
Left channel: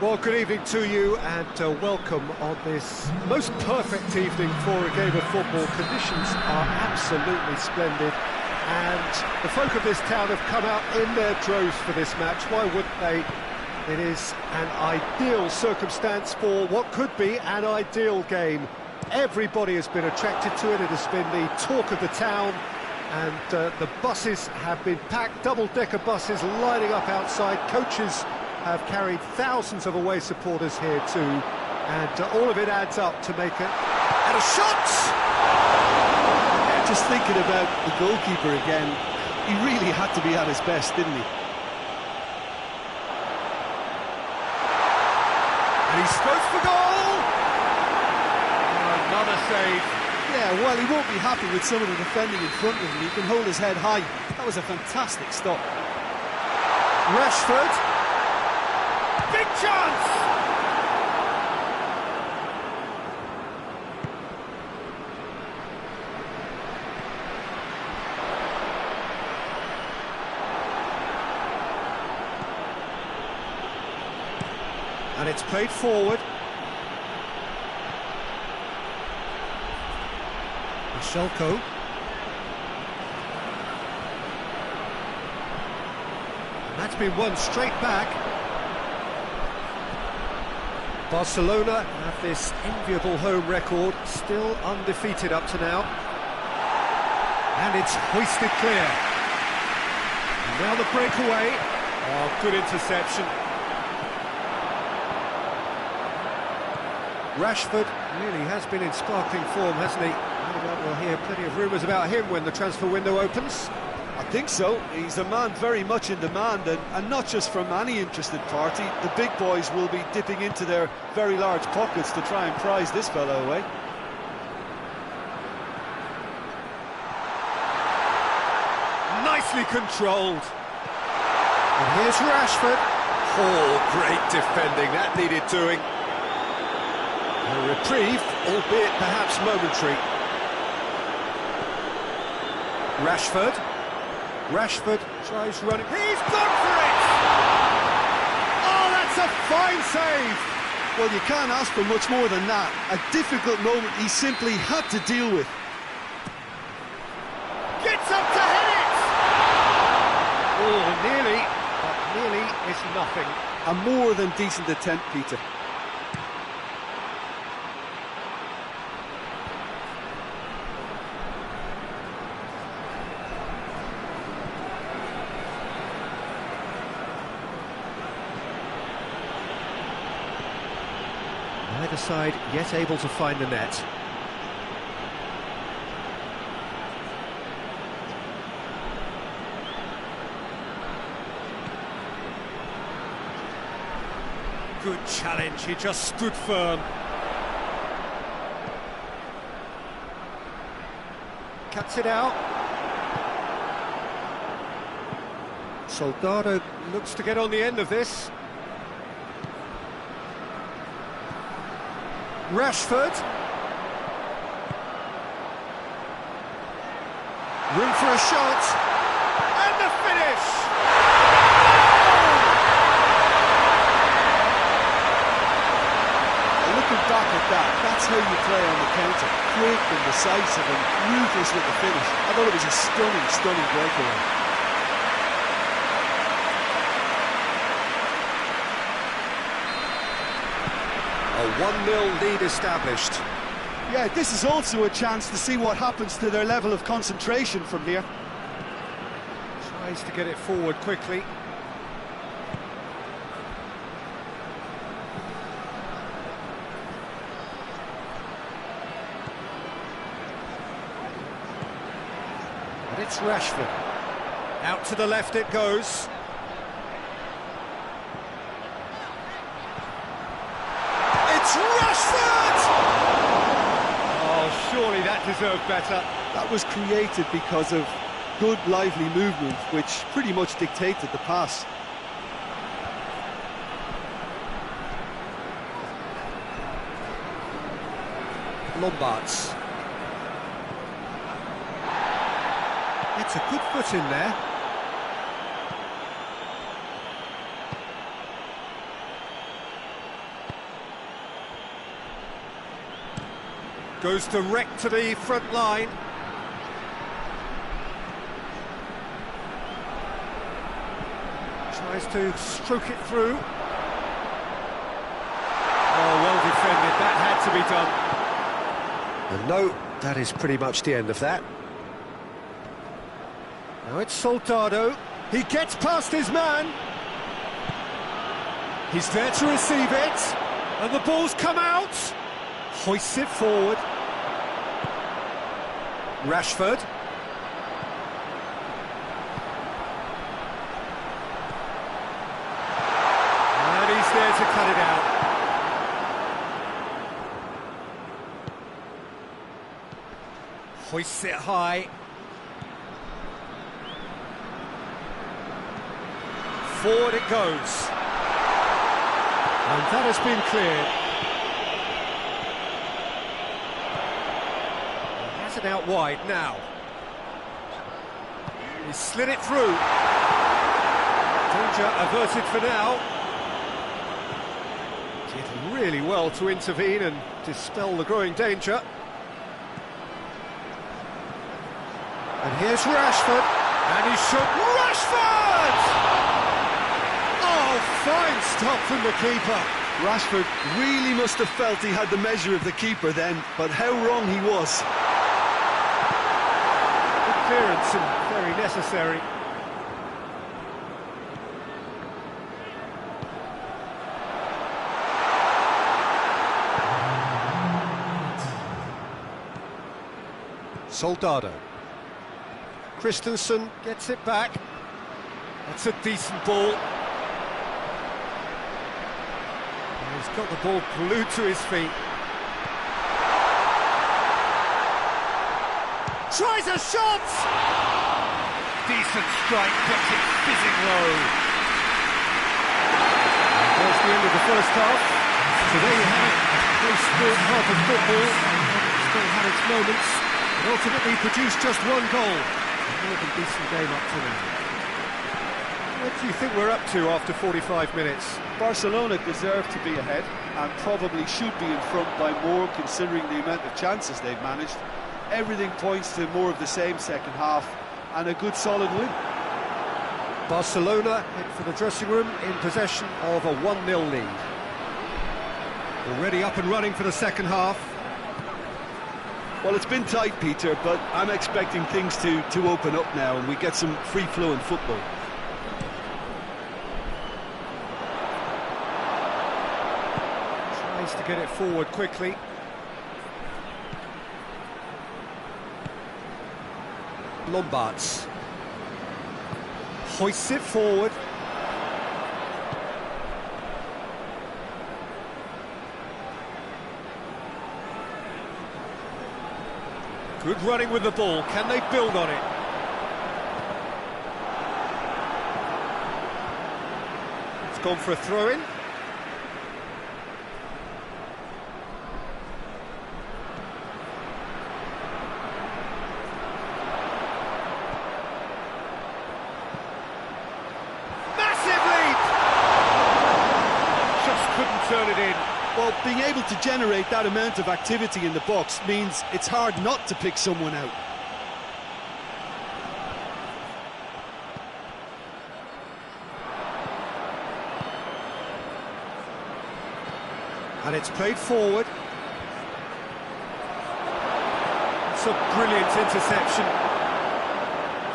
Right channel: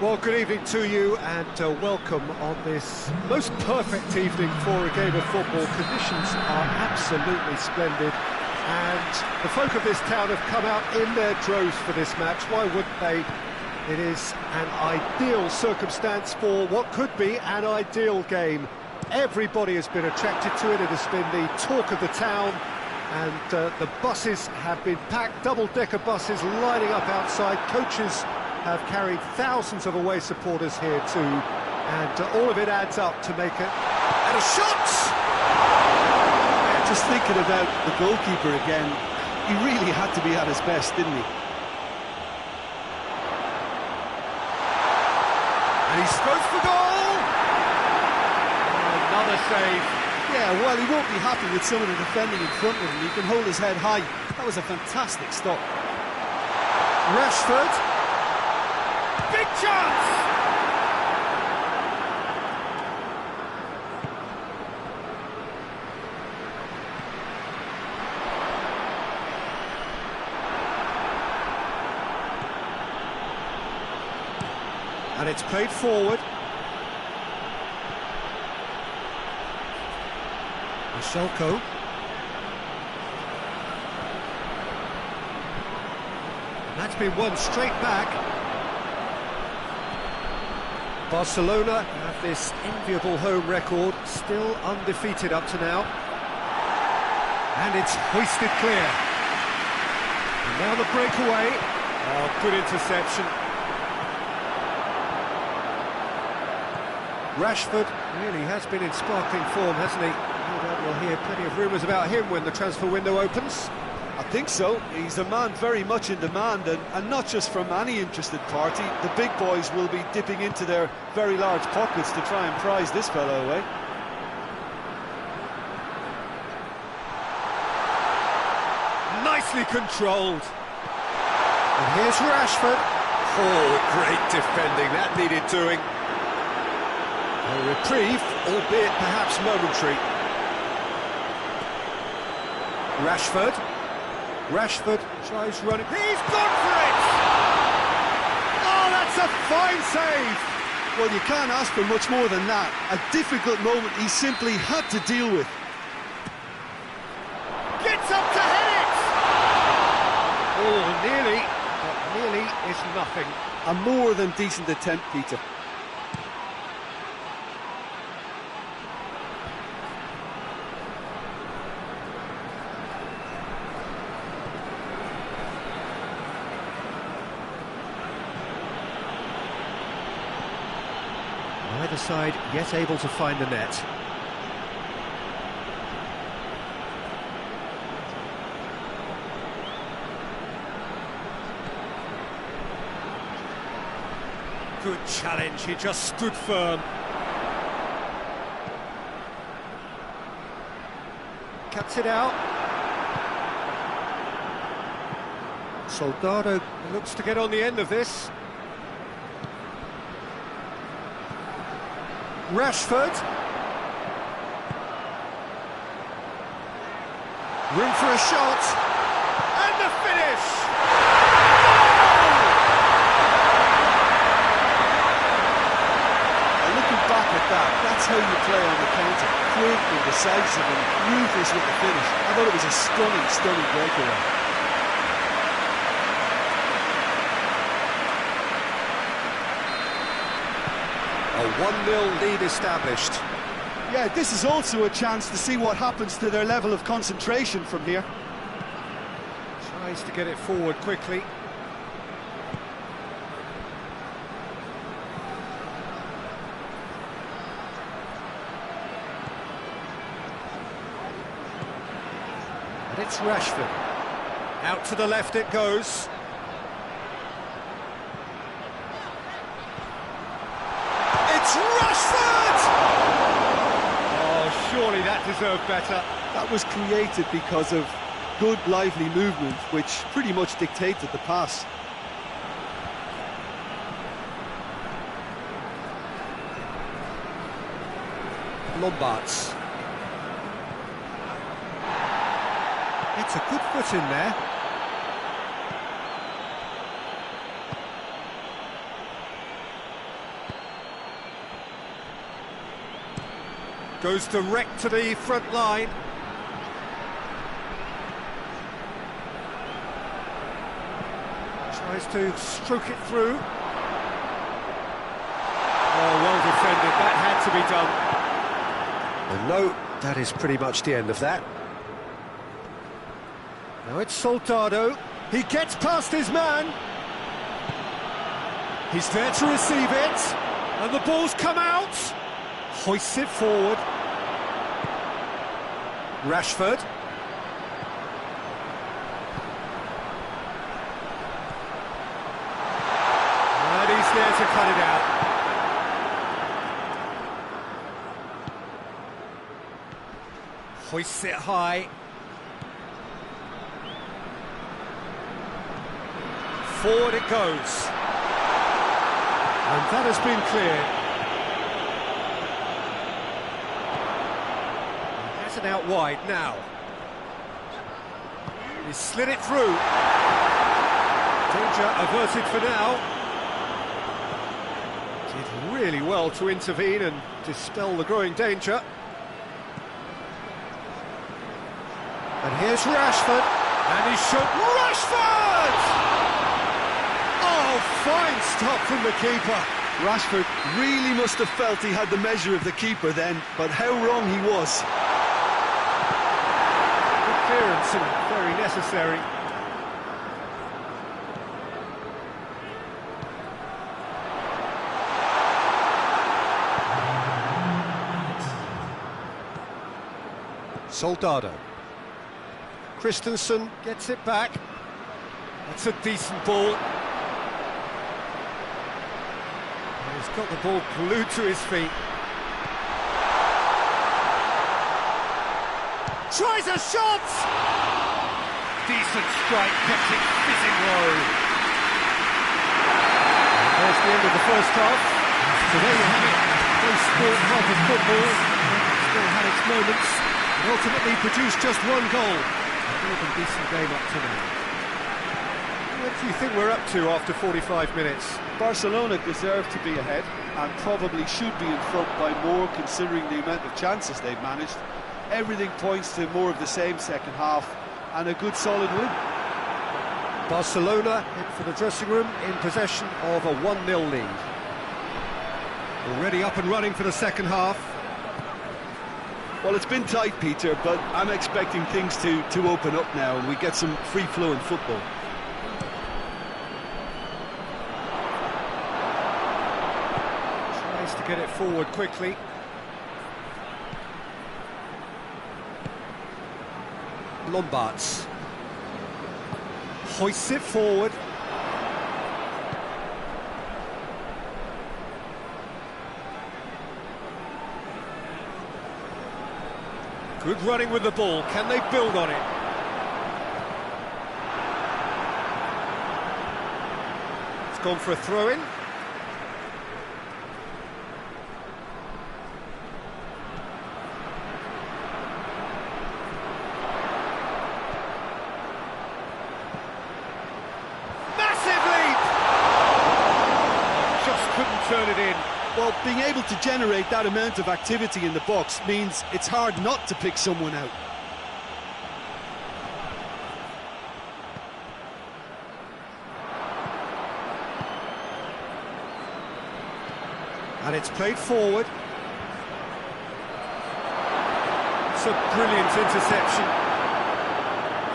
Well, good evening to you and welcome on this most perfect evening for a game of football. Conditions are absolutely splendid and the folk of this town have come out in their droves for this match. Why wouldn't they? It is an ideal circumstance for what could be an ideal game. Everybody has been attracted to it. It has been the talk of the town, and the buses have been packed, double-decker buses lining up outside. Coaches have carried thousands of away supporters here too, and all of it adds up to make it. And a shot! Yeah, just thinking about the goalkeeper again, he really had to be at his best, didn't he? And he strokes for goal! Another save. Yeah, while he won't be happy with some of the defending in front of him, he can hold his head high. That was a fantastic stop. Rashford. Big chance! And it's played forward. Shelko. And that's been won straight back. Barcelona have this enviable home record, still undefeated up to now. And it's hoisted clear. And now the breakaway. Oh, good interception. Rashford really has been in sparkling form, hasn't he? No doubt we'll hear plenty of rumours about him when the transfer window opens. I think so. He's a man very much in demand, and not just from any interested party. The big boys will be dipping into their very large pockets to try and prize this fellow away. Nicely controlled. And here's Rashford. Oh, great defending. That needed doing. A reprieve, albeit perhaps momentary. Rashford tries running. He's gone for it! Oh, that's a fine save! Well, you can't ask for much more than that. A difficult moment he simply had to deal with. Gets up to head it! Oh, nearly, but nearly is nothing. A more than decent attempt, Peter. Neither side yet able to find the net. Good challenge, he just stood firm. Cuts it out. Soldado looks to get on the end of this. Rashford. Room for a shot. And the finish! Goal! Looking back at that, that's how you play on the counter. Quick and decisive and ruthless with the finish. I thought it was a stunning, stunning breakaway. A 1-0 lead established. Yeah, this is also a chance to see what happens to their level of concentration from here. Tries to get it forward quickly. And it's Rashford. Out to the left it goes. It's Rashford! Oh, surely that deserved better. That was created because of good, lively movement, which pretty much dictated the pass. Lombards. It's a good foot in there. Goes direct to the front line. Tries to stroke it through. Oh, well defended, that had to be done. And no, that is pretty much the end of that. Now it's Soldado. He gets past his man. He's there to receive it. And the ball's come out. Hoists it forward. Rashford. And he's there to cut it out. Hoists it high. Forward it goes. And that has been cleared. He has it out wide now. He slid it through. Danger averted for now. Did really well to intervene and dispel the growing danger. And here's Rashford. And he's shot. Rashford! Oh, fine stop from the keeper. Rashford really must have felt he had the measure of the keeper then, but how wrong he was. Good clearance and very necessary. Soldado. Christensen gets it back. That's a decent ball. He's got the ball glued to his feet. Tries a shot! Decent strike, kept it fizzing low. And there's the end of the first half. So there you have it, a close-sport half of football. It still had its moments, but ultimately produced just one goal. A more than decent game up to now. What do you think we're up to after 45 minutes? Barcelona deserve to be ahead and probably should be in front by more considering the amount of chances they've managed. Everything points to more of the same second half and a good solid win. Barcelona head for the dressing room in possession of a 1-0 lead. Already up and running for the second half. Well, it's been tight, Peter, but I'm expecting things to open up now and we get some free-flowing football. To get it forward quickly. Lombards hoists it forward. Good running with the ball. Can they build on it? It's gone for a throw-in. Couldn't turn it in. Well, being able to generate that amount of activity in the box means it's hard not to pick someone out. And it's played forward. It's a brilliant interception.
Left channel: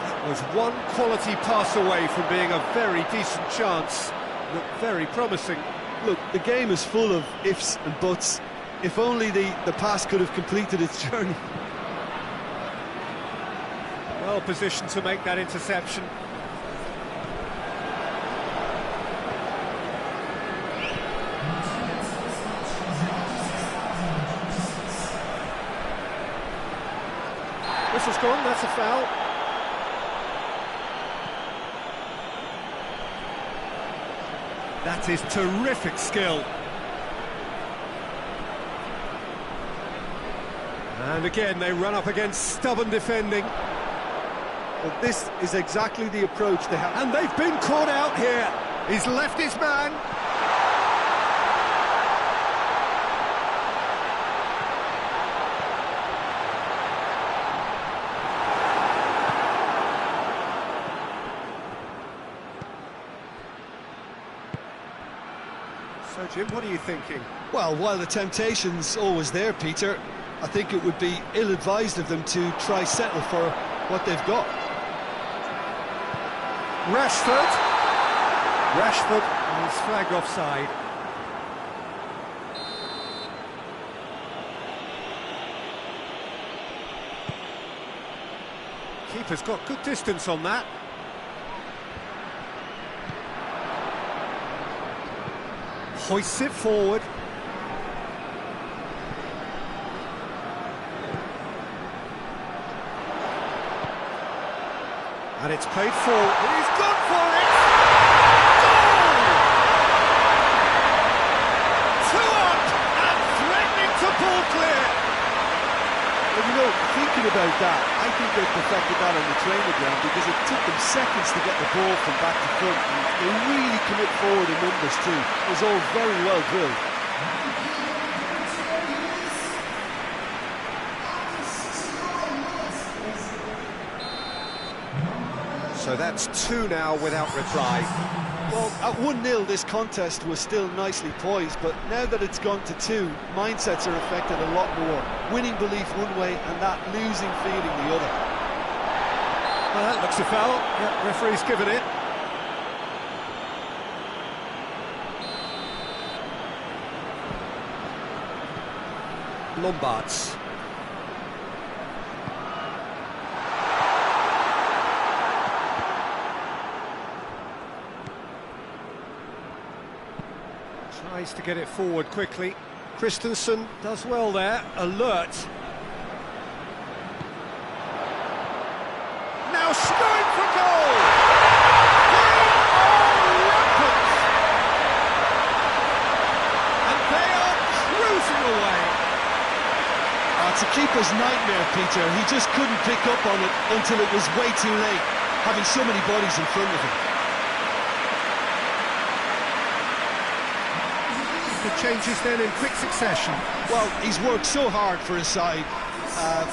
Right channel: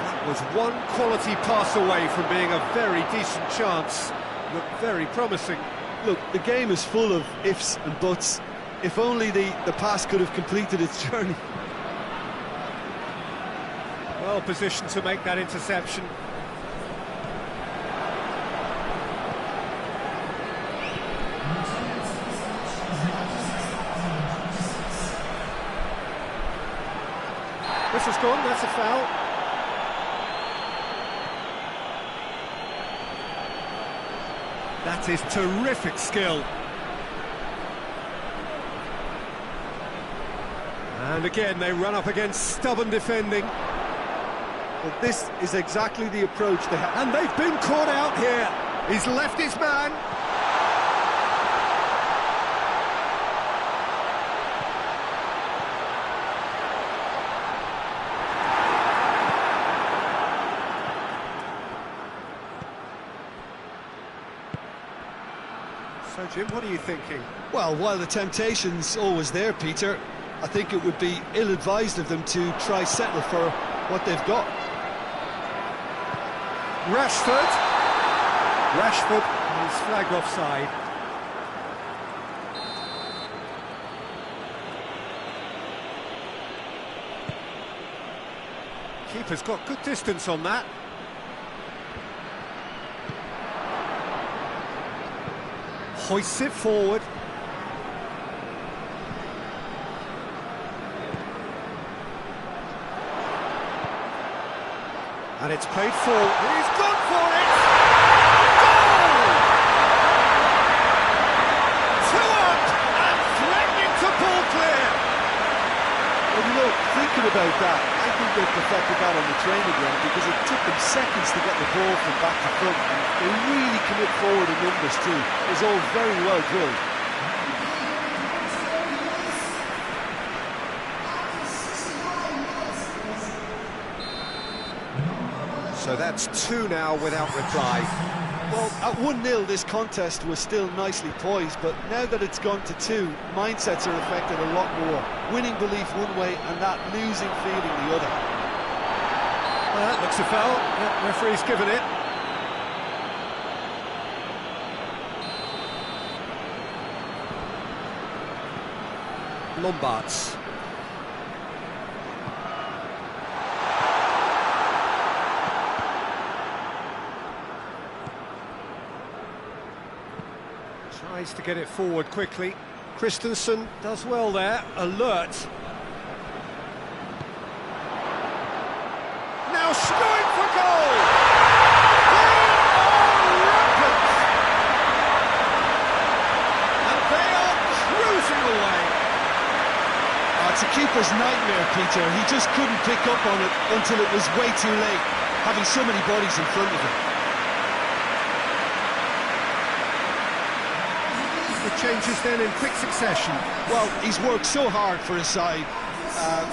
That was one quality pass away from being a very decent chance. Looked very promising. Look, the game is full of ifs and buts. If only the pass could have completed its journey. Well positioned to make that interception. Whistle's gone, that's a foul. That is terrific skill. And again, they run up against stubborn defending. But this is exactly the approach they have. And they've been caught out here. He's left his man. So, Jim, what are you thinking? Well, while the temptation's always there, Peter, I think it would be ill-advised of them to try settle for what they've got. Rashford, and he's flagged offside. Keeper's got good distance on that. Hoists it forward. And it's played forward. He's gone for it! Goal! 2 up and threatening to pull clear. Well, you know, thinking about that, I think they perfected that on the training ground because it took them seconds to get the ball from back to front, and they really commit forward in numbers too. It was all very well drilled. So that's 2 now without reply. Well, at 1-0 this contest was still nicely poised, but now that it's gone to 2, mindsets are affected a lot more. Winning belief one way and that losing feeling the other. Well, that looks a foul. Yeah, referee's given it. Lombards. Tries to get it forward quickly. Christensen does well there, alert. Now going for goal! They are rampant! And they are cruising away. It's a keeper's nightmare, Peter. He just couldn't pick up on it until it was way too late, having so many bodies in front of him. The changes then in quick succession. Well, he's worked so hard for his side,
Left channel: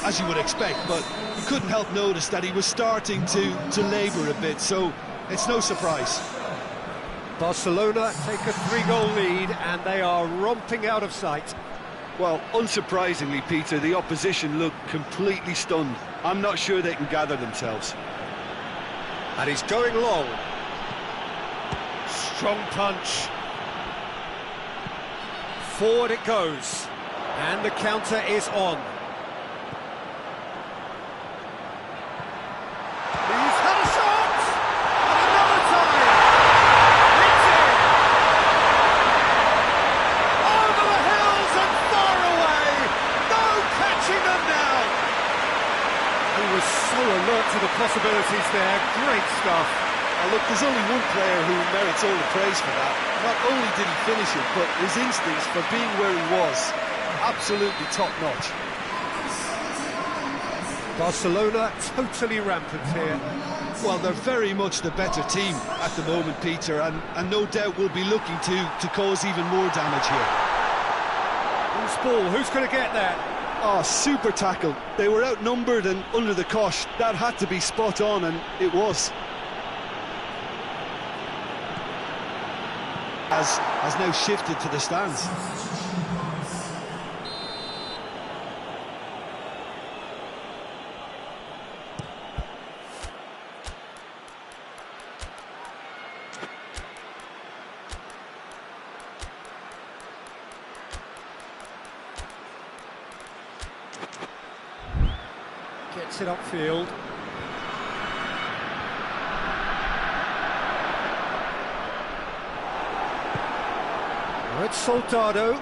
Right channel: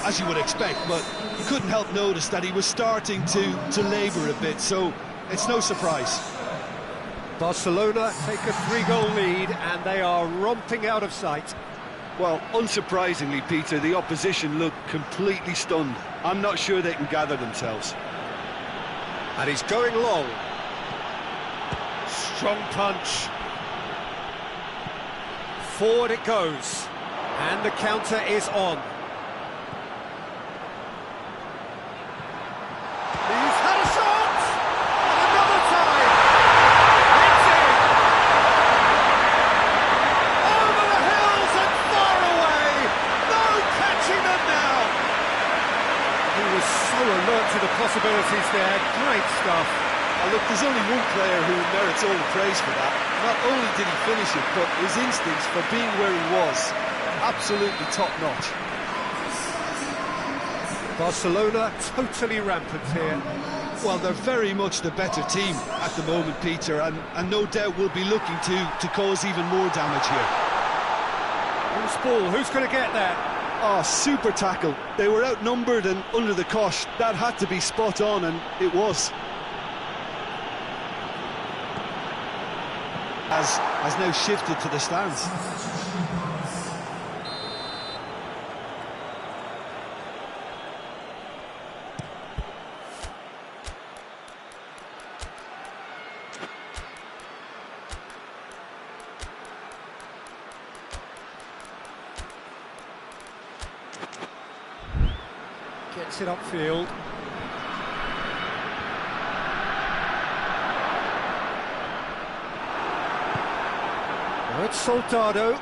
as you would expect, but you couldn't help notice that he was starting to labour a bit, so it's no surprise. Barcelona take a 3-goal lead and they are romping out of sight. Well, unsurprisingly, Peter, the opposition look completely stunned. I'm not sure they can gather themselves. And he's going long. Strong punch. Forward it goes, and the counter is on. He's had a shot, and another time. It's in. Over the hills and far away. No catching them now. He was so alert to the possibilities there. Great stuff. Oh, look, there's only one player who merits all the praise for that. Not only did he finish it, but his instincts for being where he was, absolutely top-notch. Barcelona totally rampant here. Well, they're very much the better team at the moment, Peter, and no doubt will be looking to cause even more damage here. Loose ball, who's going to get that? Oh, super tackle. They were outnumbered and under the cosh. That had to be spot on, and it was. Has now shifted to the stands. Gets it upfield. Now it's Soldado.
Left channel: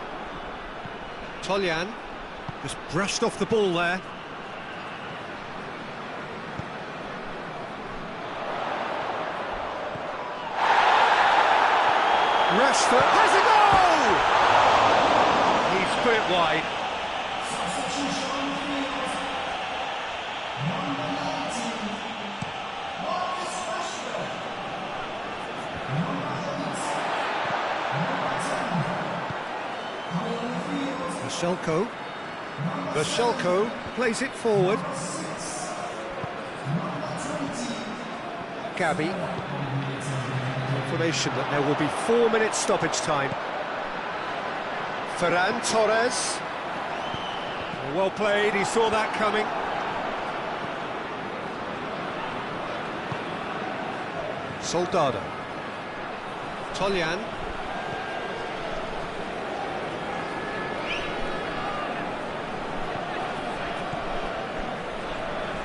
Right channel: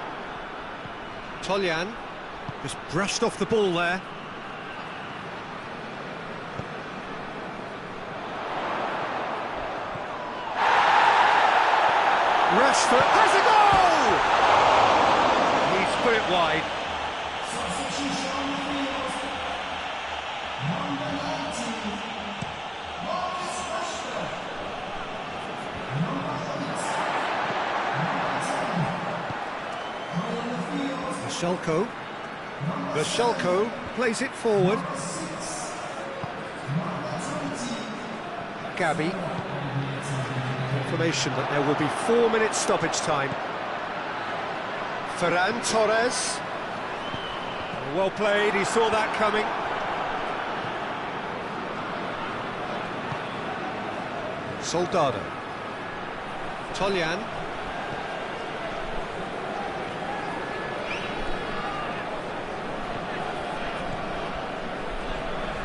Toljan just brushed off the ball there. Rashford has a goal! He's put it wide. Vashelko plays it forward. Gabi. Confirmation that there will be 4 minutes stoppage time. Ferran Torres. Well played, he saw that coming. Soldado. Toljan.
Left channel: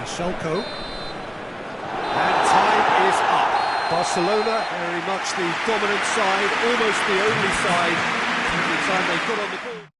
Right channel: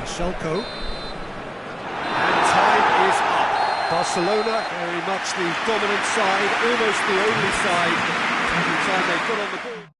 Michelko. And time is up. Barcelona, very much the dominant side, almost the only side. Every time they got on the ball.